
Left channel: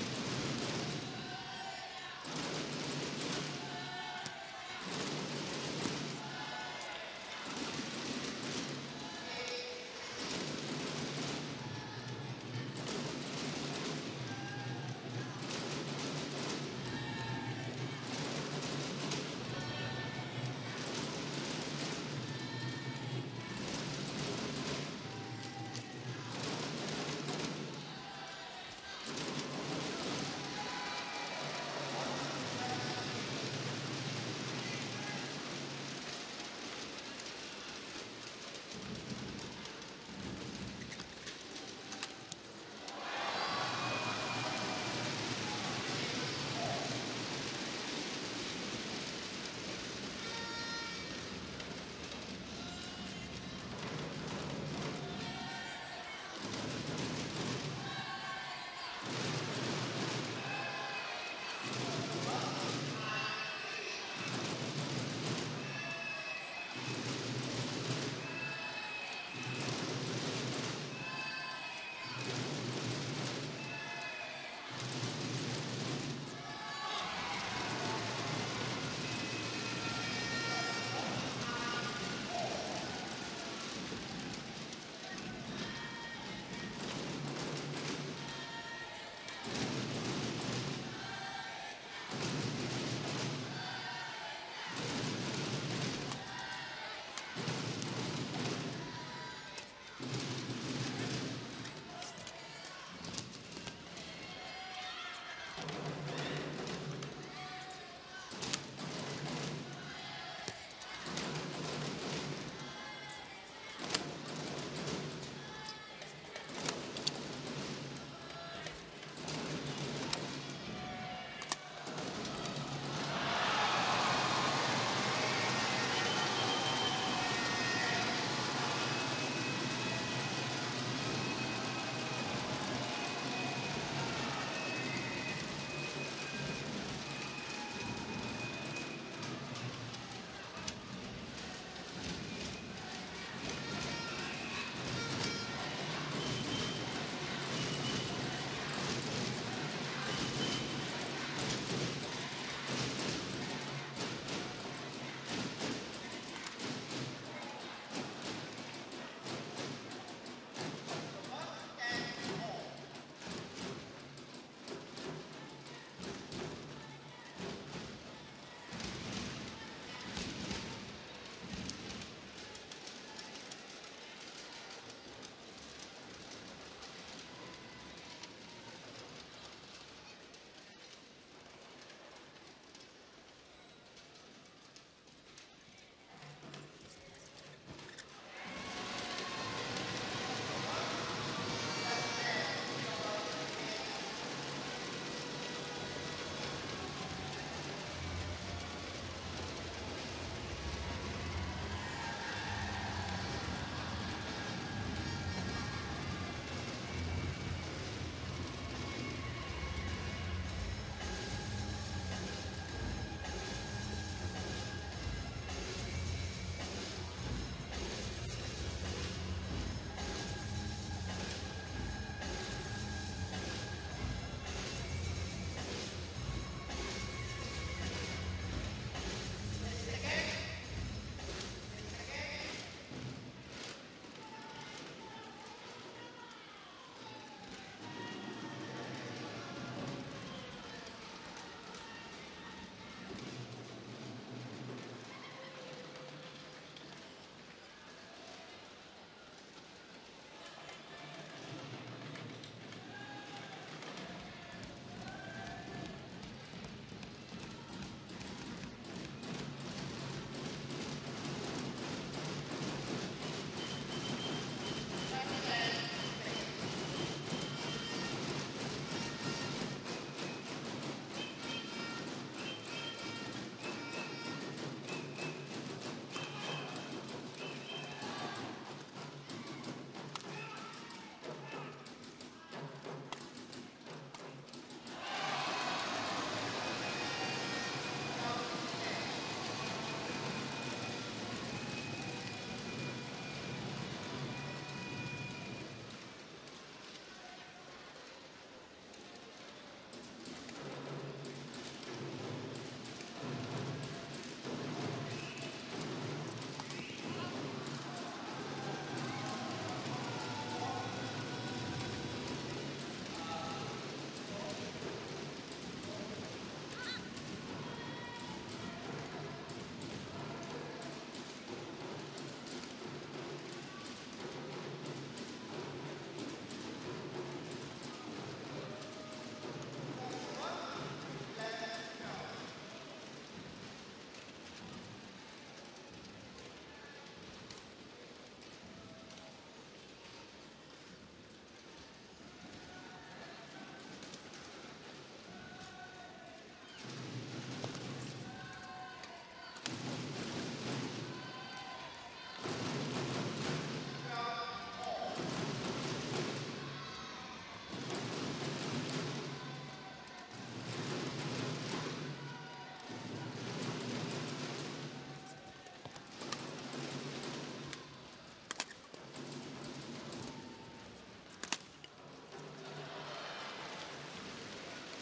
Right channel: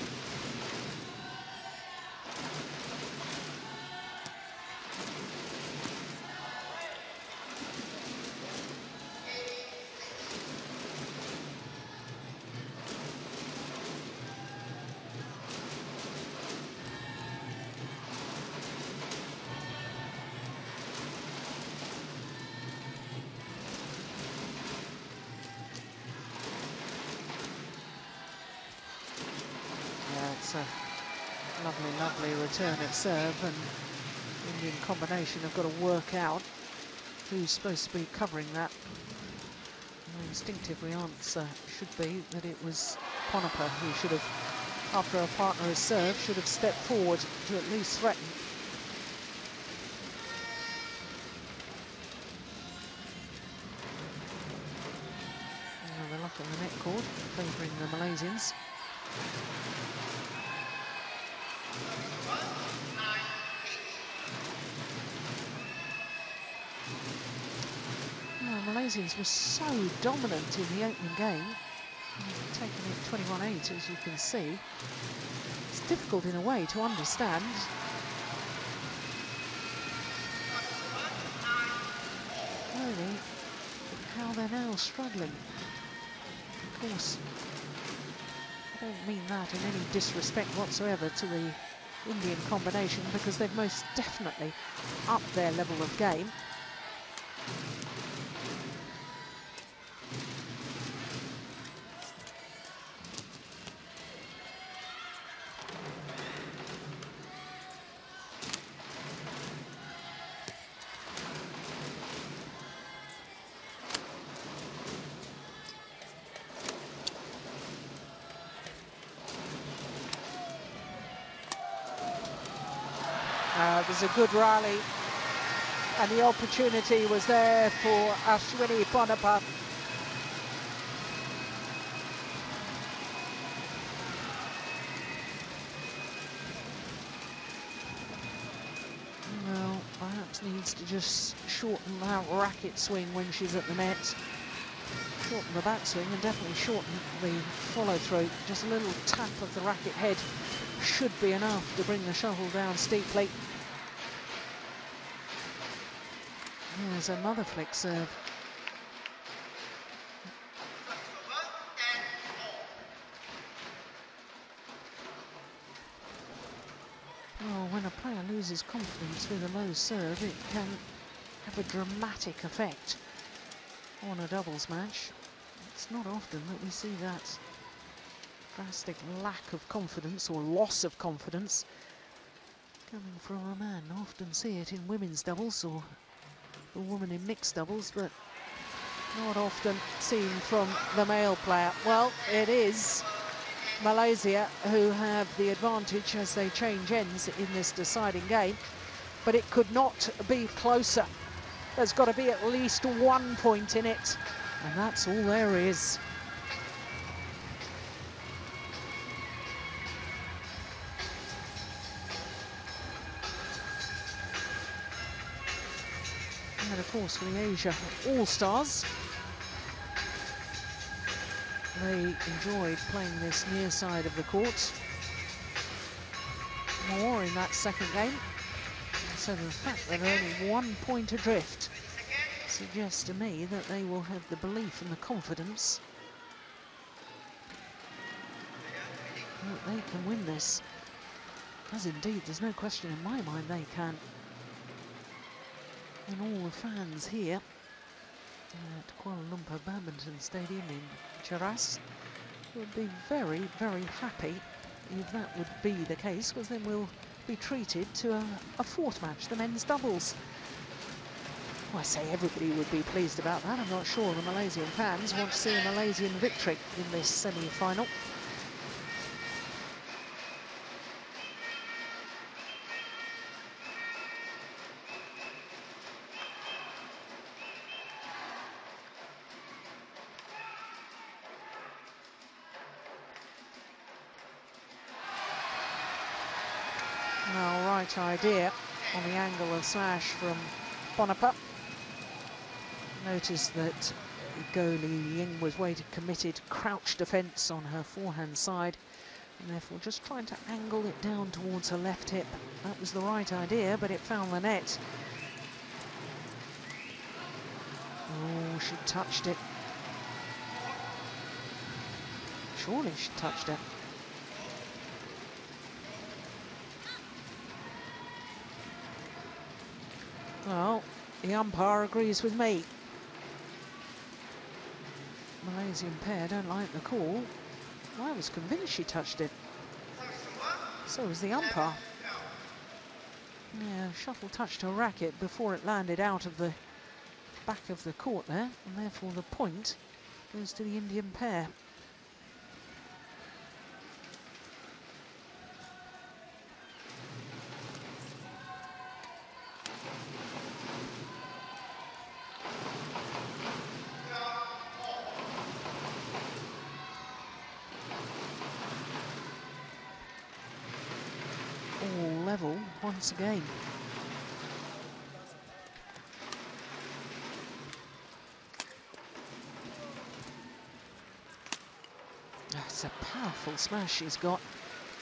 Return at serve, and in combination have got to work out who's supposed to be covering that. The instinctively answer should be that it was A.Ponnappa who should have, after a partner has served, should have stepped forward to at least threaten. The luck in the net court favouring the Malaysians. Were so dominant in the opening game, taking 21-8 as you can see. It's difficult in a way to understand really how they're now struggling. Of course, I don't mean that in any disrespect whatsoever to the Indian combination, because they've most definitely upped their level of game. was a good rally, and the opportunity was there for Ashwini A.Ponnappa. Well, perhaps needs to just shorten that racket swing when she's at the net. Shorten the backswing and definitely shorten the follow-through. Just a little tap of the racket head should be enough to bring the shuttle down steeply. There's another flick serve. Well, when a player loses confidence with a low serve, it can have a dramatic effect on a doubles match. It's not often that we see that drastic lack of confidence or loss of confidence coming from a man. I often see it in women's doubles or a woman in mixed doubles, but not often seen from the male player. Well, it is Malaysia who have the advantage as they change ends in this deciding game, but it could not be closer. There's got to be at least 1 point in it, and that's all there is. And of course, for the Asia All-Stars, they enjoyed playing this near side of the court more in that second game. So the fact that they're only 1 point adrift suggests to me that they will have the belief and the confidence that they can win this. As indeed, there's no question in my mind they can. And all the fans here at Kuala Lumpur Badminton Stadium in Cheras would be very, very happy if that would be the case, because then we'll be treated to a fourth match, the men's doubles. Well, I say everybody would be pleased about that. I'm not sure the Malaysian fans want to see a Malaysian victory in this semi-final. Idea on the angle of slash from A.Ponnappa. Notice that goalie Ying was weighted, committed, crouch defence on her forehand side, and therefore just trying to angle it down towards her left hip. That was the right idea, but it found the net. Oh, she touched it. Surely she touched it. Well, the umpire agrees with me. Malaysian pair don't like the call. I was convinced she touched it. So was the umpire. Yeah, shuttle touched her racket before it landed out of the back of the court there, and therefore the point goes to the Indian pair. Once again. That's a powerful smash she's got.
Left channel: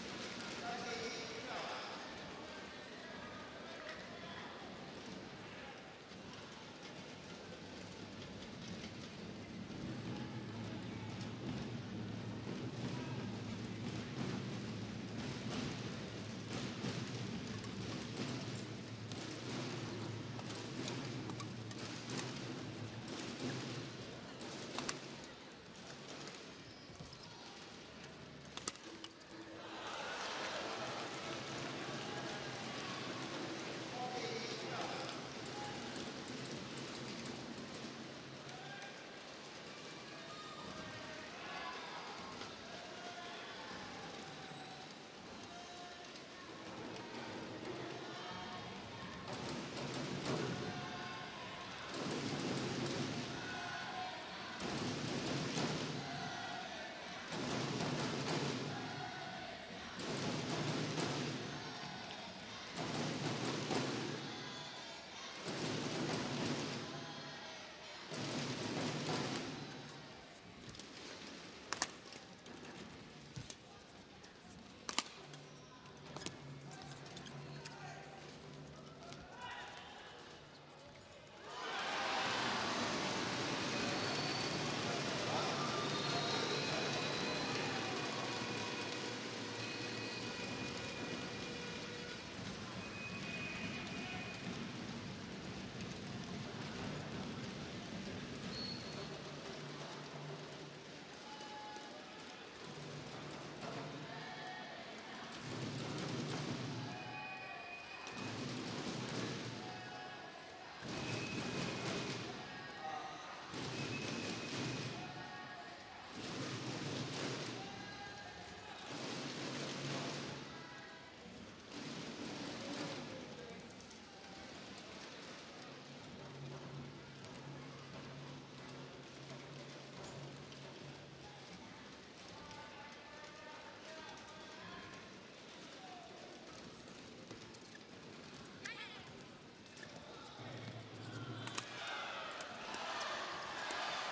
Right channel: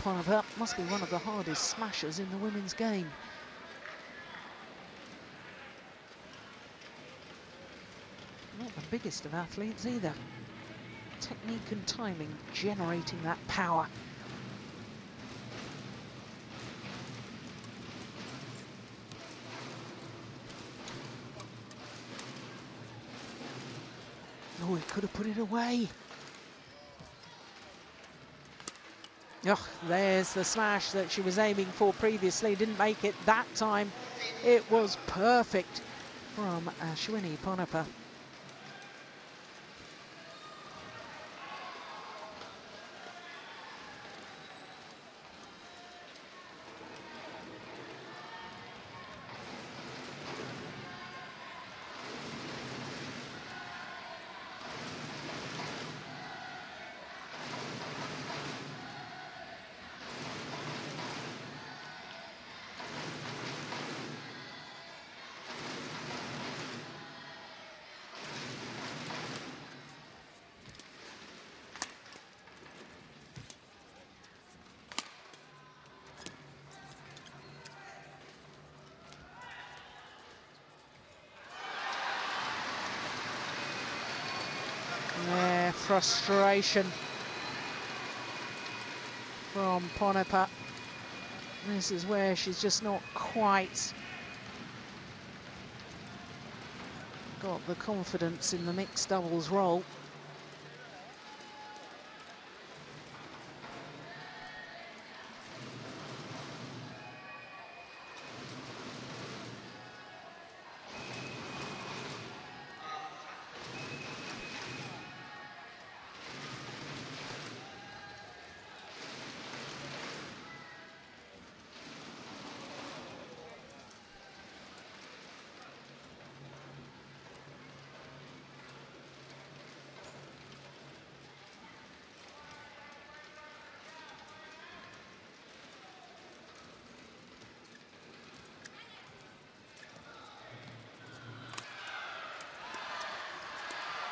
A.Ponnappa must be one of the hardest smashers in the women's game. Not the biggest of athletes either. Technique and timing generating that power. Oh, he could have put it away. Oh, there's the smash that she was aiming for previously. Didn't make it that time. It was perfect from Ashwini A.Ponnappa. frustration from A.Ponnappa. This is where she's just not quite got the confidence in the mixed doubles role.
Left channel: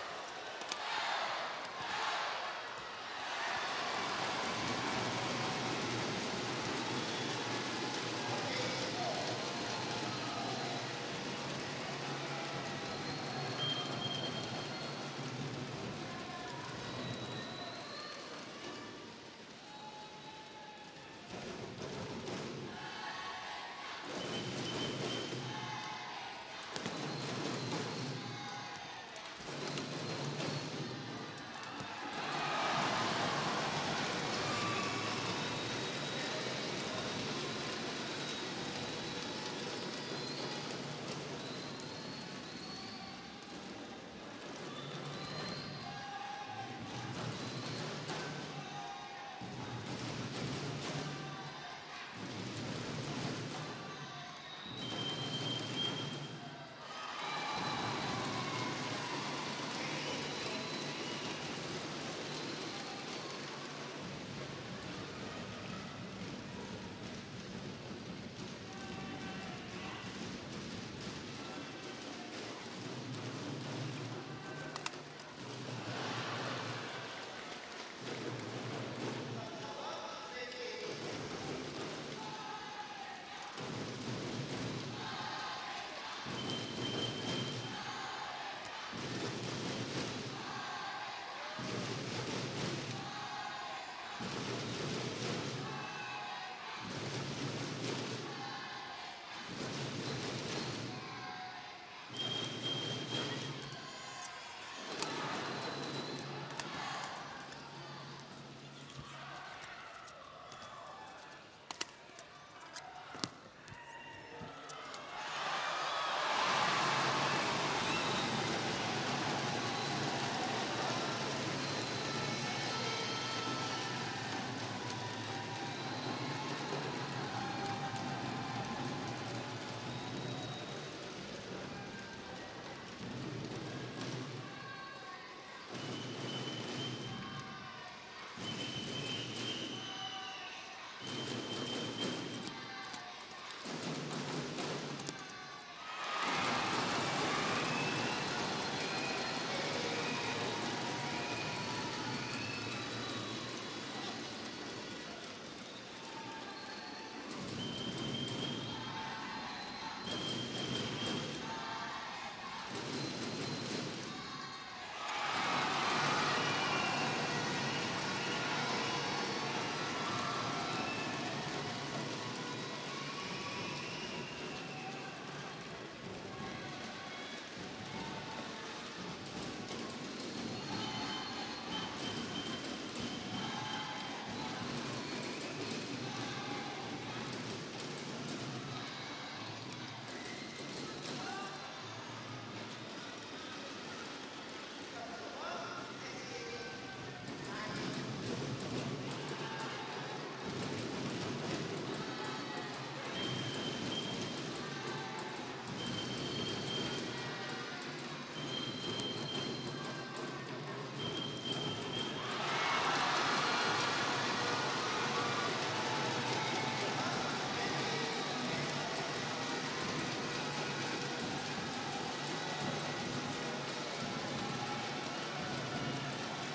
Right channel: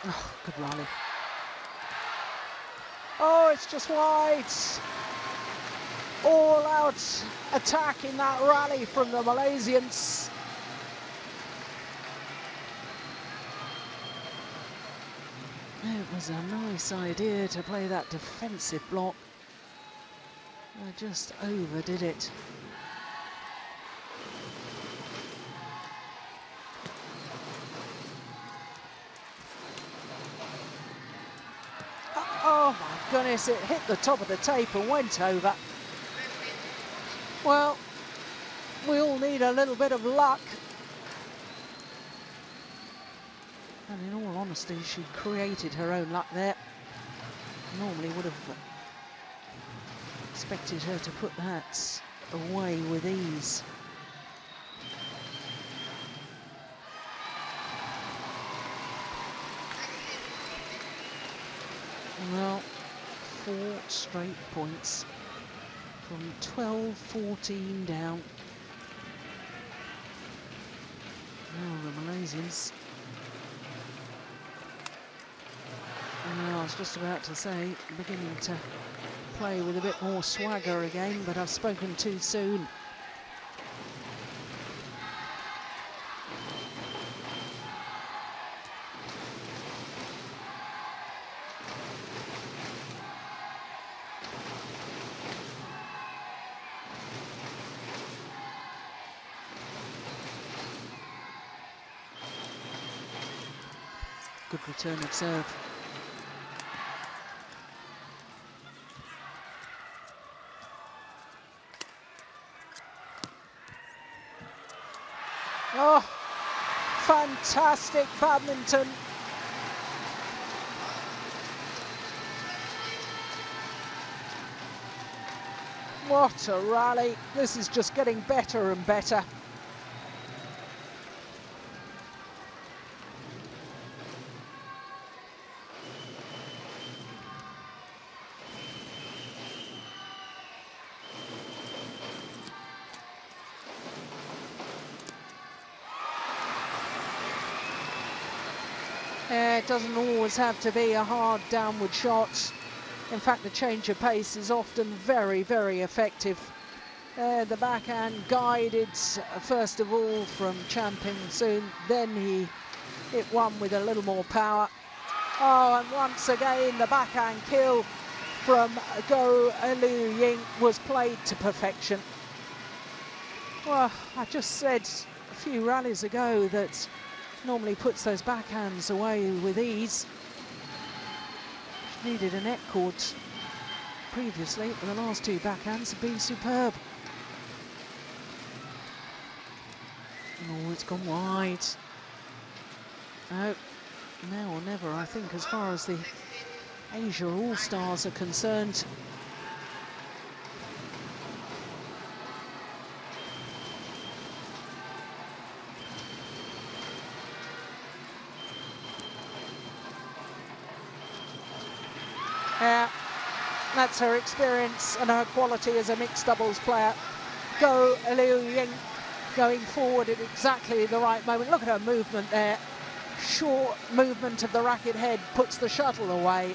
Oh, good rally. Oh, it's just wide. All out attack in that rally from the Malaysians. It was a nice idea to play that defensive block. They just overdid it. Goodness, it hit the top of the tape and went over. Well, we all need a little bit of luck. And in all honesty, she created her own luck there. Normally would have expected her to put that away with ease. Well, 4 straight points from 12-14 down. Oh, the Malaysians. I was just about to say, beginning to play with a bit more swagger again, but I've spoken too soon. Good return of serve. Oh, fantastic badminton. What a rally. This is just getting better and better. It doesn't always have to be a hard downward shot. In fact, the change of pace is often very, very effective. The backhand guided, first of all, from Peng soon. Then he hit one with a little more power. Oh, and once again, the backhand kill from Ying was played to perfection. Well, I just said a few rallies ago that normally puts those backhands away with ease. Needed a net cord previously, but the last 2 backhands have been superb. Oh, it's gone wide. No, now or never, I think, as far as the Asia All-Stars are concerned. Yeah, that's her experience and her quality as a mixed doubles player. Ying going forward at exactly the right moment. Look at her movement there. Short movement of the racket head puts the shuttle away.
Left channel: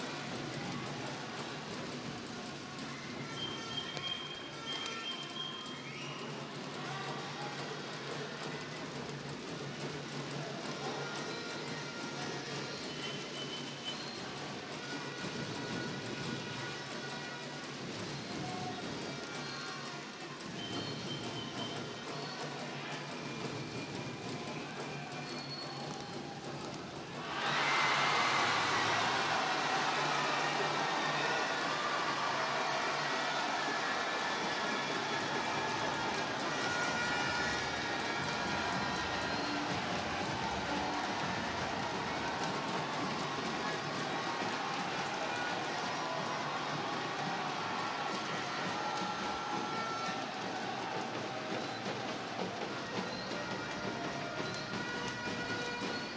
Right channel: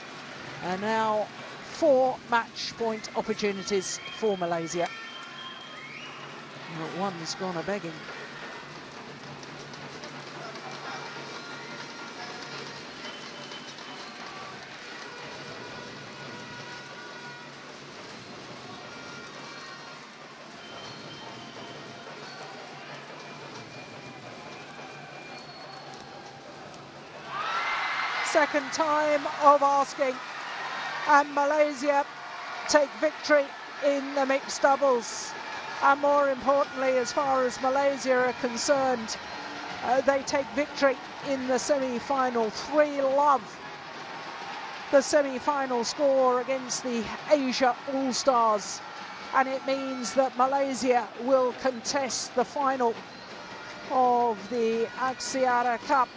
And now 4 match point opportunities for Malaysia. Well, one's gone a-begging. second time of asking. And Malaysia take victory in the mixed doubles. And more importantly, as far as Malaysia are concerned, they take victory in the semi-final. 3-love the semi-final score against the Asia All-Stars. And it means that Malaysia will contest the final of the Axiata Cup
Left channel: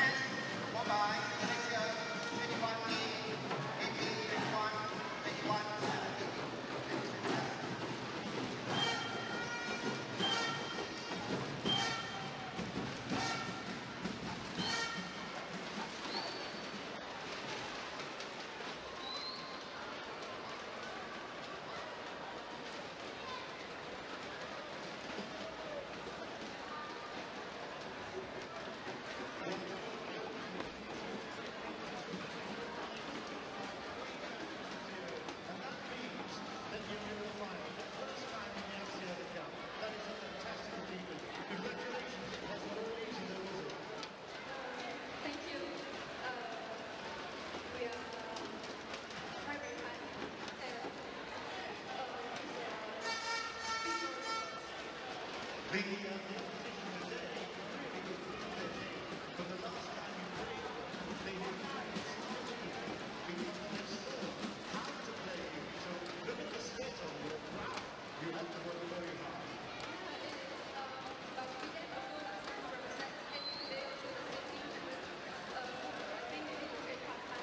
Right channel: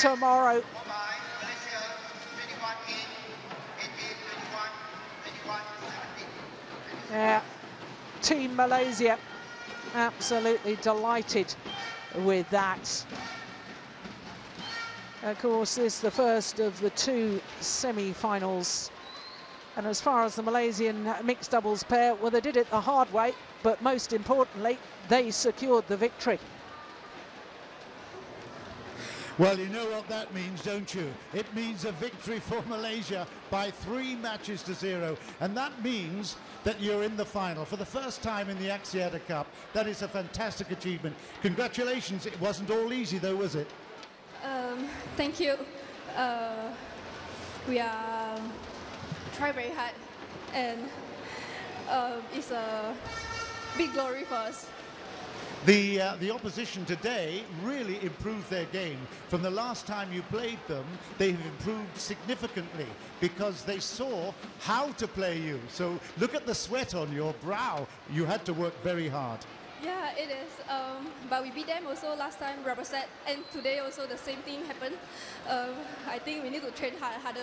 tomorrow. Yeah, Team Malaysia absolutely delighted with that. Of course, this is the first of the two semi-finals. And as far as the Malaysian mixed doubles pair, well, they did it the hard way, but most importantly, they secured the victory. Well, you know what that means, don't you? It means a victory for Malaysia by 3 matches to 0. And that means that you're in the final for the first time in the Axiata Cup. That is a fantastic achievement. Congratulations. It wasn't all easy, though, was it? Thank you. We are try very hard, and it's a big glory for us. The opposition today really improved their game. From the last time you played them, they've improved significantly because they saw how to play you. So look at the sweat on your brow. You had to work very hard. Yeah, it is. But we beat them also last time, represent, and today also the same thing happened. I think we need to train harder.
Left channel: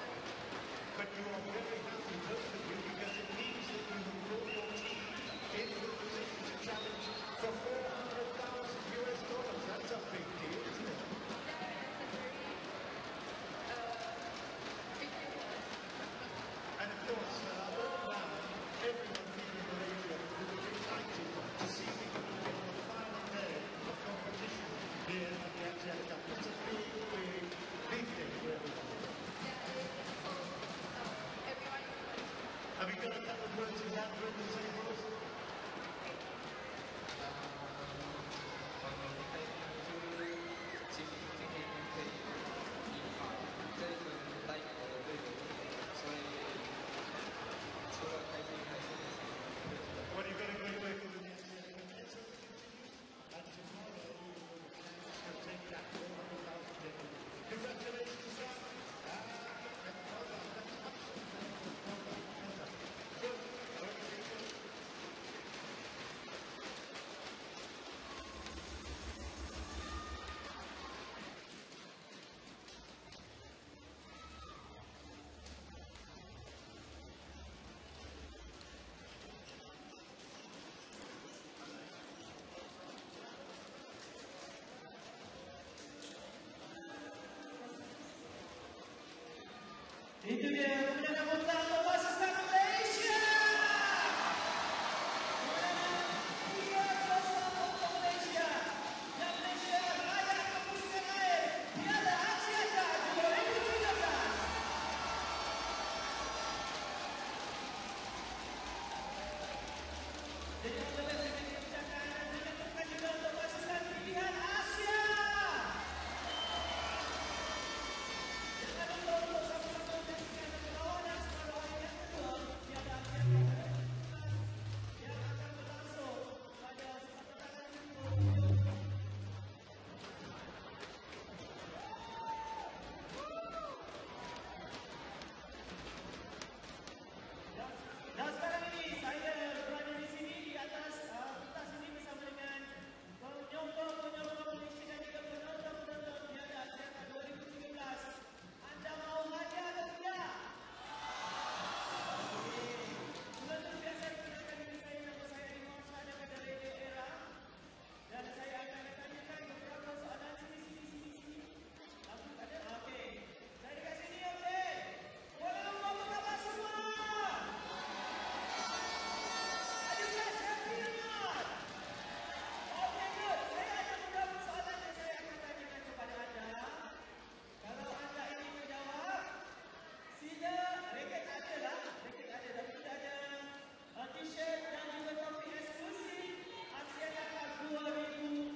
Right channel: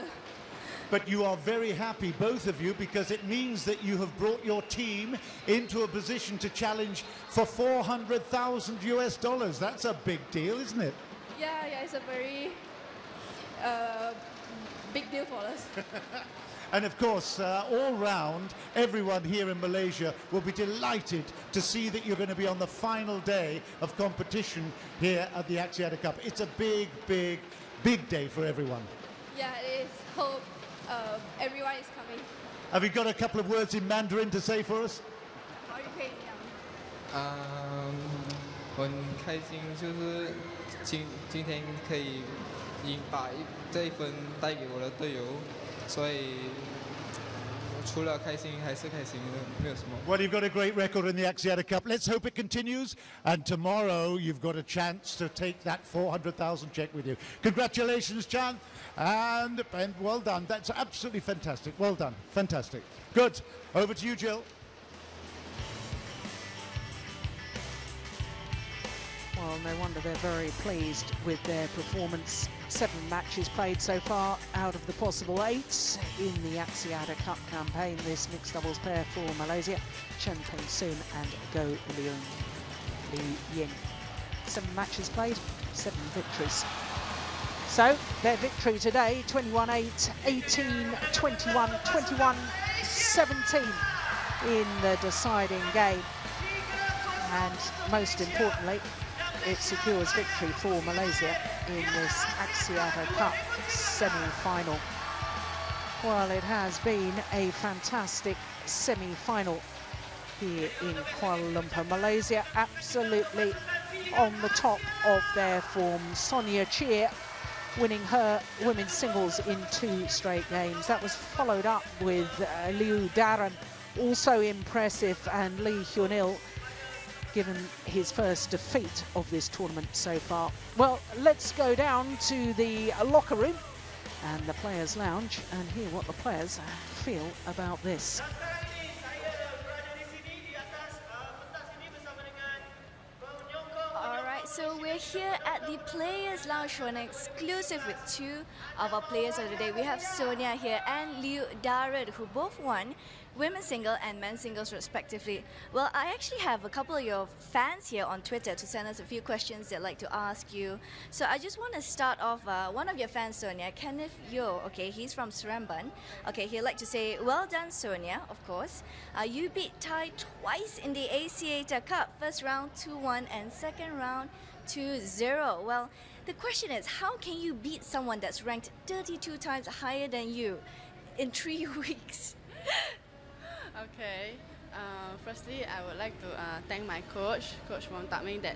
But you are very happy, both of you, because it means that you have brought your team into a position to challenge for $400,000 US. That's a big deal, isn't it? Yeah, it's a very big deal for us. And of course, all round, everyone here in Malaysia will be delighted to see that you're going to be on the final day of competition here at the Axiata Cup. It's a big, big, big day for everyone. Yeah, it is. Hope everyone is coming. Have you got a couple of words in Mandarin to say for us? Okay. 我很开心，就是今天可以赢把这一分带给我的队友，所以除了开心还是开心，没有什么。 Well, you've got a great record in the Axiata Cup. Let's hope it continues. And tomorrow, you've got a chance to take that 400,000 check with you. Congratulations, Chan. And well done. That's absolutely fantastic. Well done. Fantastic. Good. Over to you, Jill. Well, no wonder they're very pleased with their performance. 7 matches played so far out of the possible 8 in the Axiata Cup campaign. This mixed doubles pair for Malaysia, Chen Peng Soon and Go Ying. 7 matches played, 7 victories. So their victory today, 21-8, 18-21, 21-17 in the deciding game. And most importantly, it secures victory for Malaysia in this Axiata Cup semi-final. Well, it has been a fantastic semi-final here in Kuala Lumpur. Malaysia absolutely on the top of their form. Sonia Cheer winning her women's singles in 2 straight games. That was followed up with Liu Darren, also impressive, and Lee Hyun-il given his first defeat of this tournament so far. Well, let's go down to the locker room and the players' lounge and hear what the players feel about this. Alright, so we're here at the Players' Lounge for an exclusive with 2 of our players of the day. We have Sonia here and Liu Darren, who both won women's single and men's singles respectively. Well, I actually have a couple of your fans here on Twitter to send us a few questions they'd like to ask you. So I just want to start off, one of your fans, Sonia, Kenneth Yo, okay, he's from Seremban. Okay, he'd like to say, well done, Sonia, of course. You beat Thai twice in the Axiata Cup, first round 2-1 and second round 2-0. Well, the question is, how can you beat someone that's ranked 32 times higher than you in 3 weeks? Okay, firstly I would like to thank my coach from Peng, that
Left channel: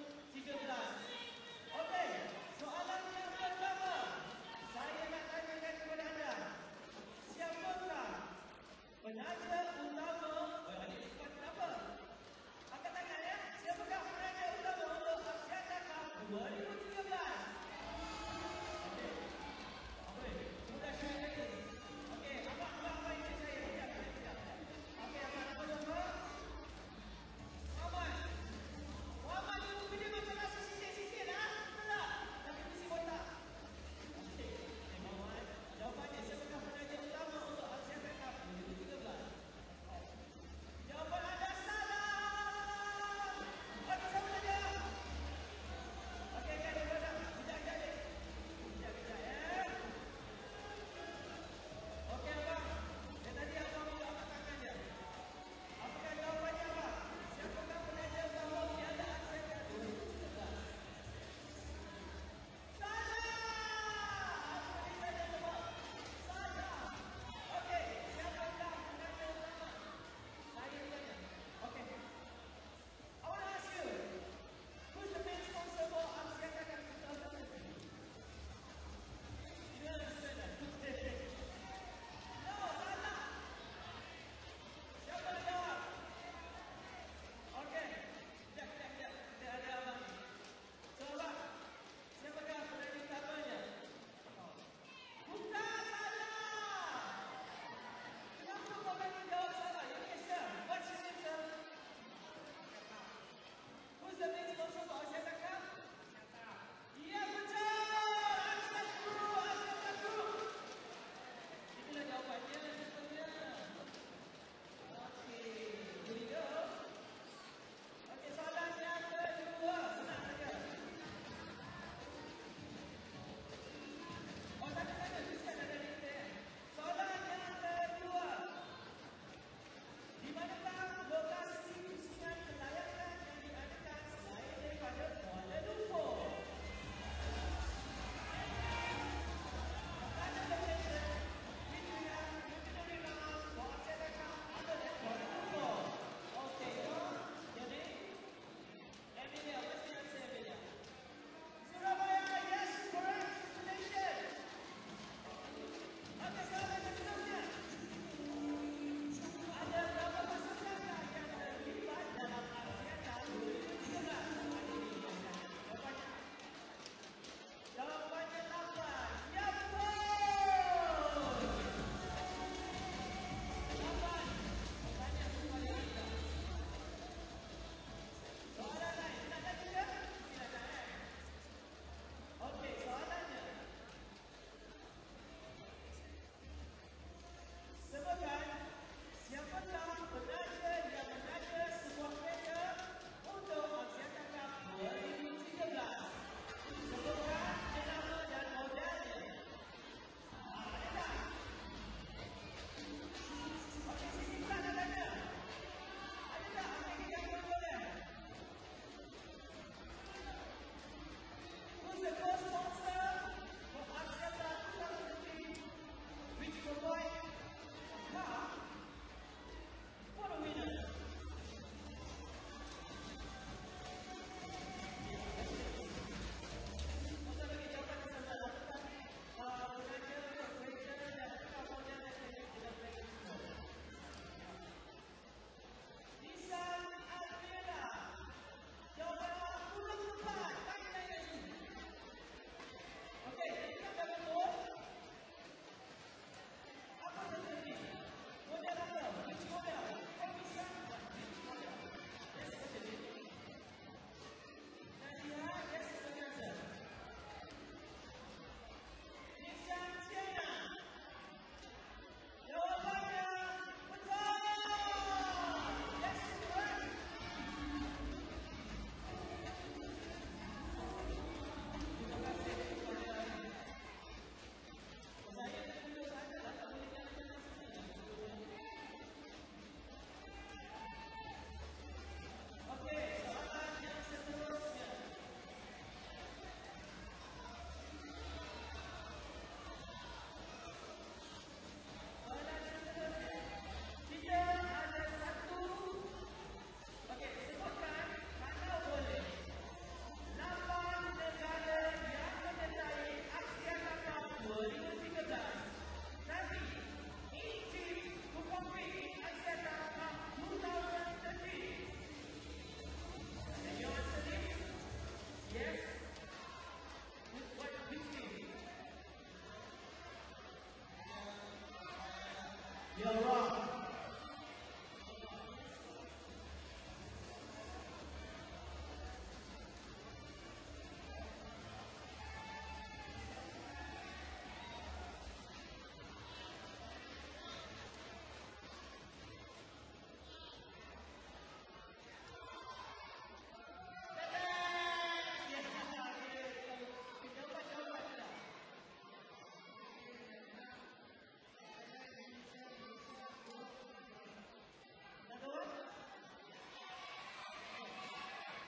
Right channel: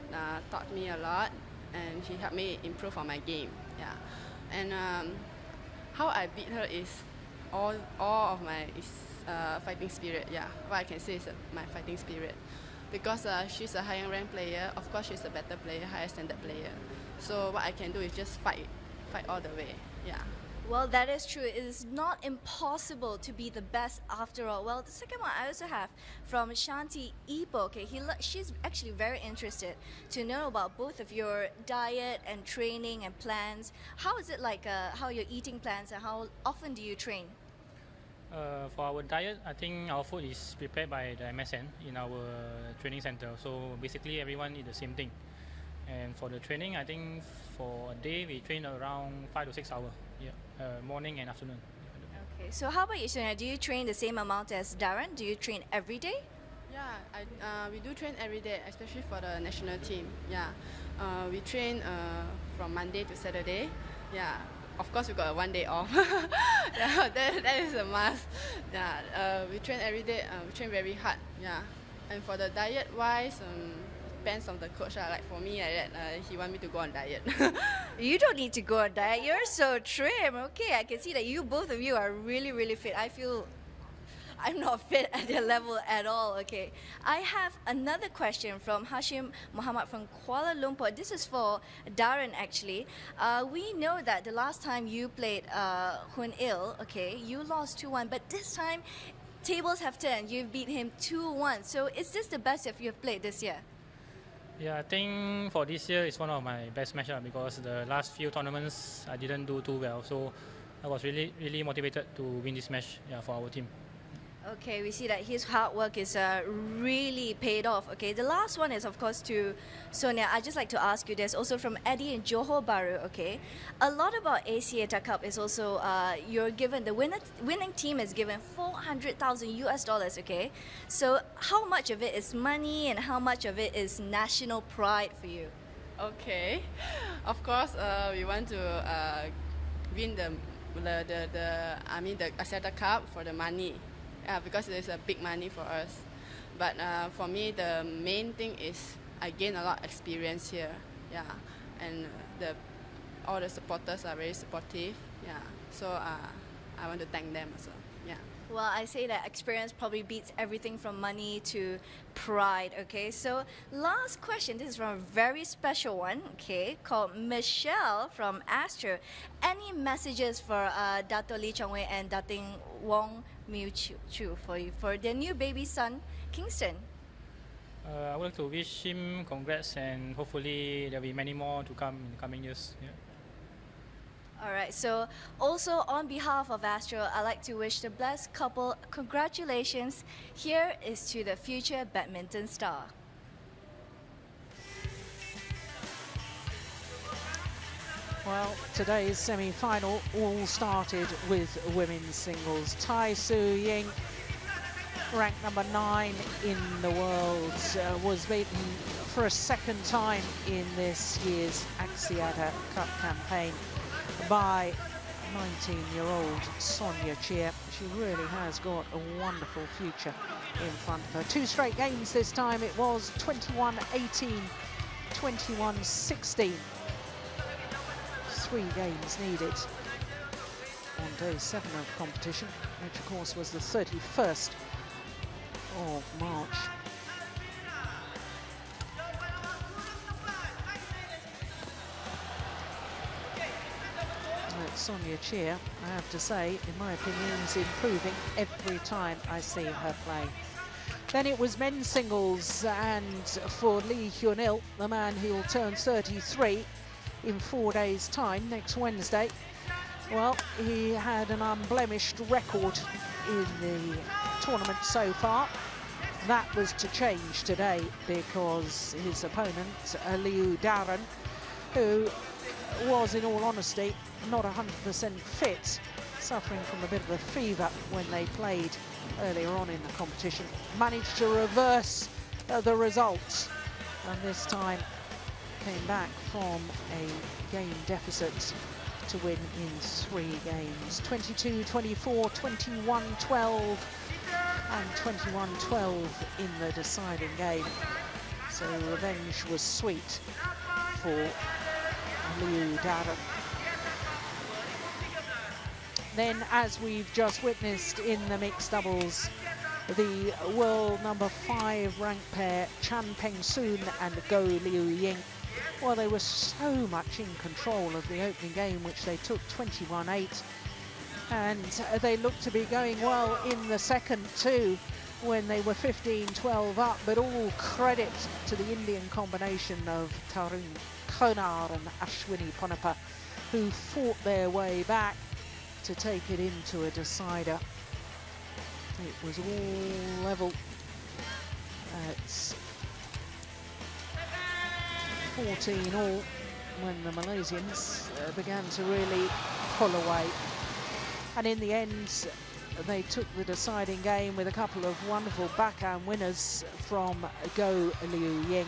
taught me a lot and he helped me improve on my game. Yeah. And how I beat her is all of my fighting spirit. Yeah, what I can say is my fighting spirit. Because she's a higher ranked player, of course she's a better player, higher standard player. So what I can do is just fight all the way. Yeah. Well, that is true. It is not impossible to be the best after all. Well, the second one I also have from Shanti Ipo. Okay, she's actually very interested to know about both of your diet and training and plans. How is it like, how your eating plans, and how often do you train? For our diet, I think our food is prepared by the MSN in our training center. So basically everyone eat the same thing. And for the training, I think for a day we train around 5 to 6 hours, morning and afternoon. Okay, so how about you, Sonia? Do you train the same amount as Darren? Do you train every day? Yeah, we do train every day, especially for the national team. Yeah, we train from Monday to Saturday. Yeah. Of course, we got 1 day off. Yeah, that is a must. Yeah, we train every day. We train very hard. Yeah, and for the diet wise, depends on the coach. Like for me, he want me to go on diet. You don't need to go on diet. You're so trim. Okay, I can see that both of you are really, really fit. I feel I'm not fit at their level at all. Okay, I have another question from Hashim Muhammad from Kuala Lumpur. This is for Darren actually. We know that the last time you played Hun Il, okay, you lost 2-1, but this time tables have turned. You beat him 2-1. So is this the best you have played this year? Yeah, I think for this year it's one of my best matches because the last few tournaments I didn't do too well. So I was really motivated to win this match, for our team. Okay, we see that his hard work is really paid off. Okay, the last one is of course to Sonia. I'd just like to ask you, there's also from Eddie in Johor Bahru. Okay, a lot about Axiata Cup is also you're given, the winning team is given $400,000. Okay, so how much of it is money and how much of it is national pride for you? Okay, of course we want to win the Axiata Cup for the money. Because it's a big money for us. But for me, the main thing is I gain a lot of experience here. Yeah, and all the supporters are very supportive. Yeah, so I want to thank them. Also. Yeah. Well, I say that experience probably beats everything from money to pride. Okay, so last question. This is from a very special one. Okay, called Michelle from Astro. Any messages for Dato Lee Chong Wei and Dating Wong Miu Chu for their new baby son, Kingston? I would like to wish him congrats and hopefully there'll be many more to come in coming years. Yeah. Alright, so also on behalf of Astro, I'd like to wish the blessed couple congratulations. Here is to the future badminton star. Well, today's semi-final all started with women's singles. Tai Su Ying, ranked number 9 in the world, was beaten for a second time in this year's Axiata Cup campaign by 19-year-old Sonia Chia. She really has got a wonderful future in front of her. 2 straight games this time. It was 21-18, 21-16. 3 games needed on day 7 of competition, which of course was the 31st of March. Sonia Chia, I have to say, in my opinion, is improving every time I see her play. Then it was men's singles, and for Lee Hyun-il, the man who will turn 33 in 4 days' time, next Wednesday. Well, he had an unblemished record in the tournament so far. That was to change today because his opponent, Liu Darren, who was, in all honesty, not 100% fit, suffering from a bit of a fever when they played earlier on in the competition, managed to reverse the results, and this time came back from a game deficit to win in 3 games. 22-24, 21-12 and 21-12 in the deciding game. So revenge was sweet for Liu Darren. Then, as we've just witnessed in the mixed doubles, the world number 5 ranked pair, Peng and Ying, well, they were so much in control of the opening game, which they took 21-8. And they looked to be going well in the second too, when they were 15-12 up, but all credit to the Indian combination of Tarun, T.Kona and Ashwini Ponnappa, who fought their way back to take it into a decider. It was all level at 14 all when the Malaysians began to really pull away. And in the end, they took the deciding game with a couple of wonderful backhand winners from Ying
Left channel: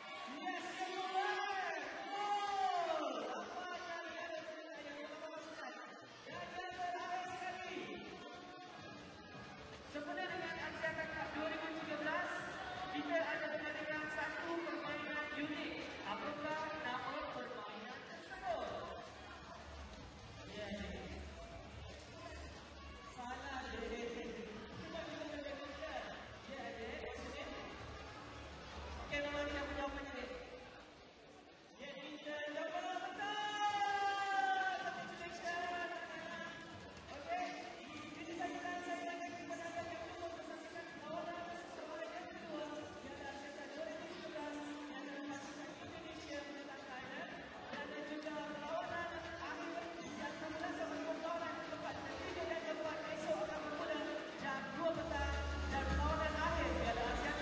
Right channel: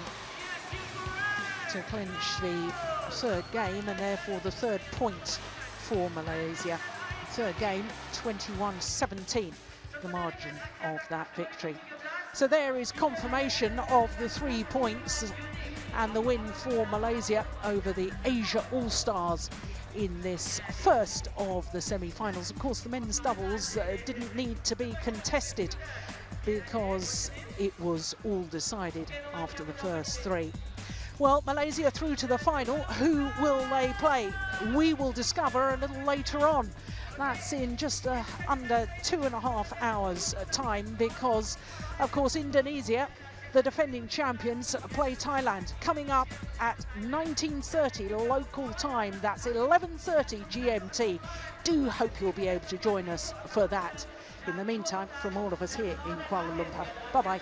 to clinch the third game and therefore the third point for Malaysia. Third game, 21-17, the margin of that victory. So there is confirmation of the 3 points and the win for Malaysia over the Asia All-Stars in this first of the semi-finals. Of course, the men's doubles didn't need to be contested because it was all decided after the first 3. Well, Malaysia through to the final. Who will they play? We will discover a little later on. That's in just under 2.5 hours time, because, of course, Indonesia, the defending champions, play Thailand coming up at 19:30 local time. That's 11:30 GMT. Do hope you'll be able to join us for that. In the meantime, from all of us here in Kuala Lumpur, bye-bye.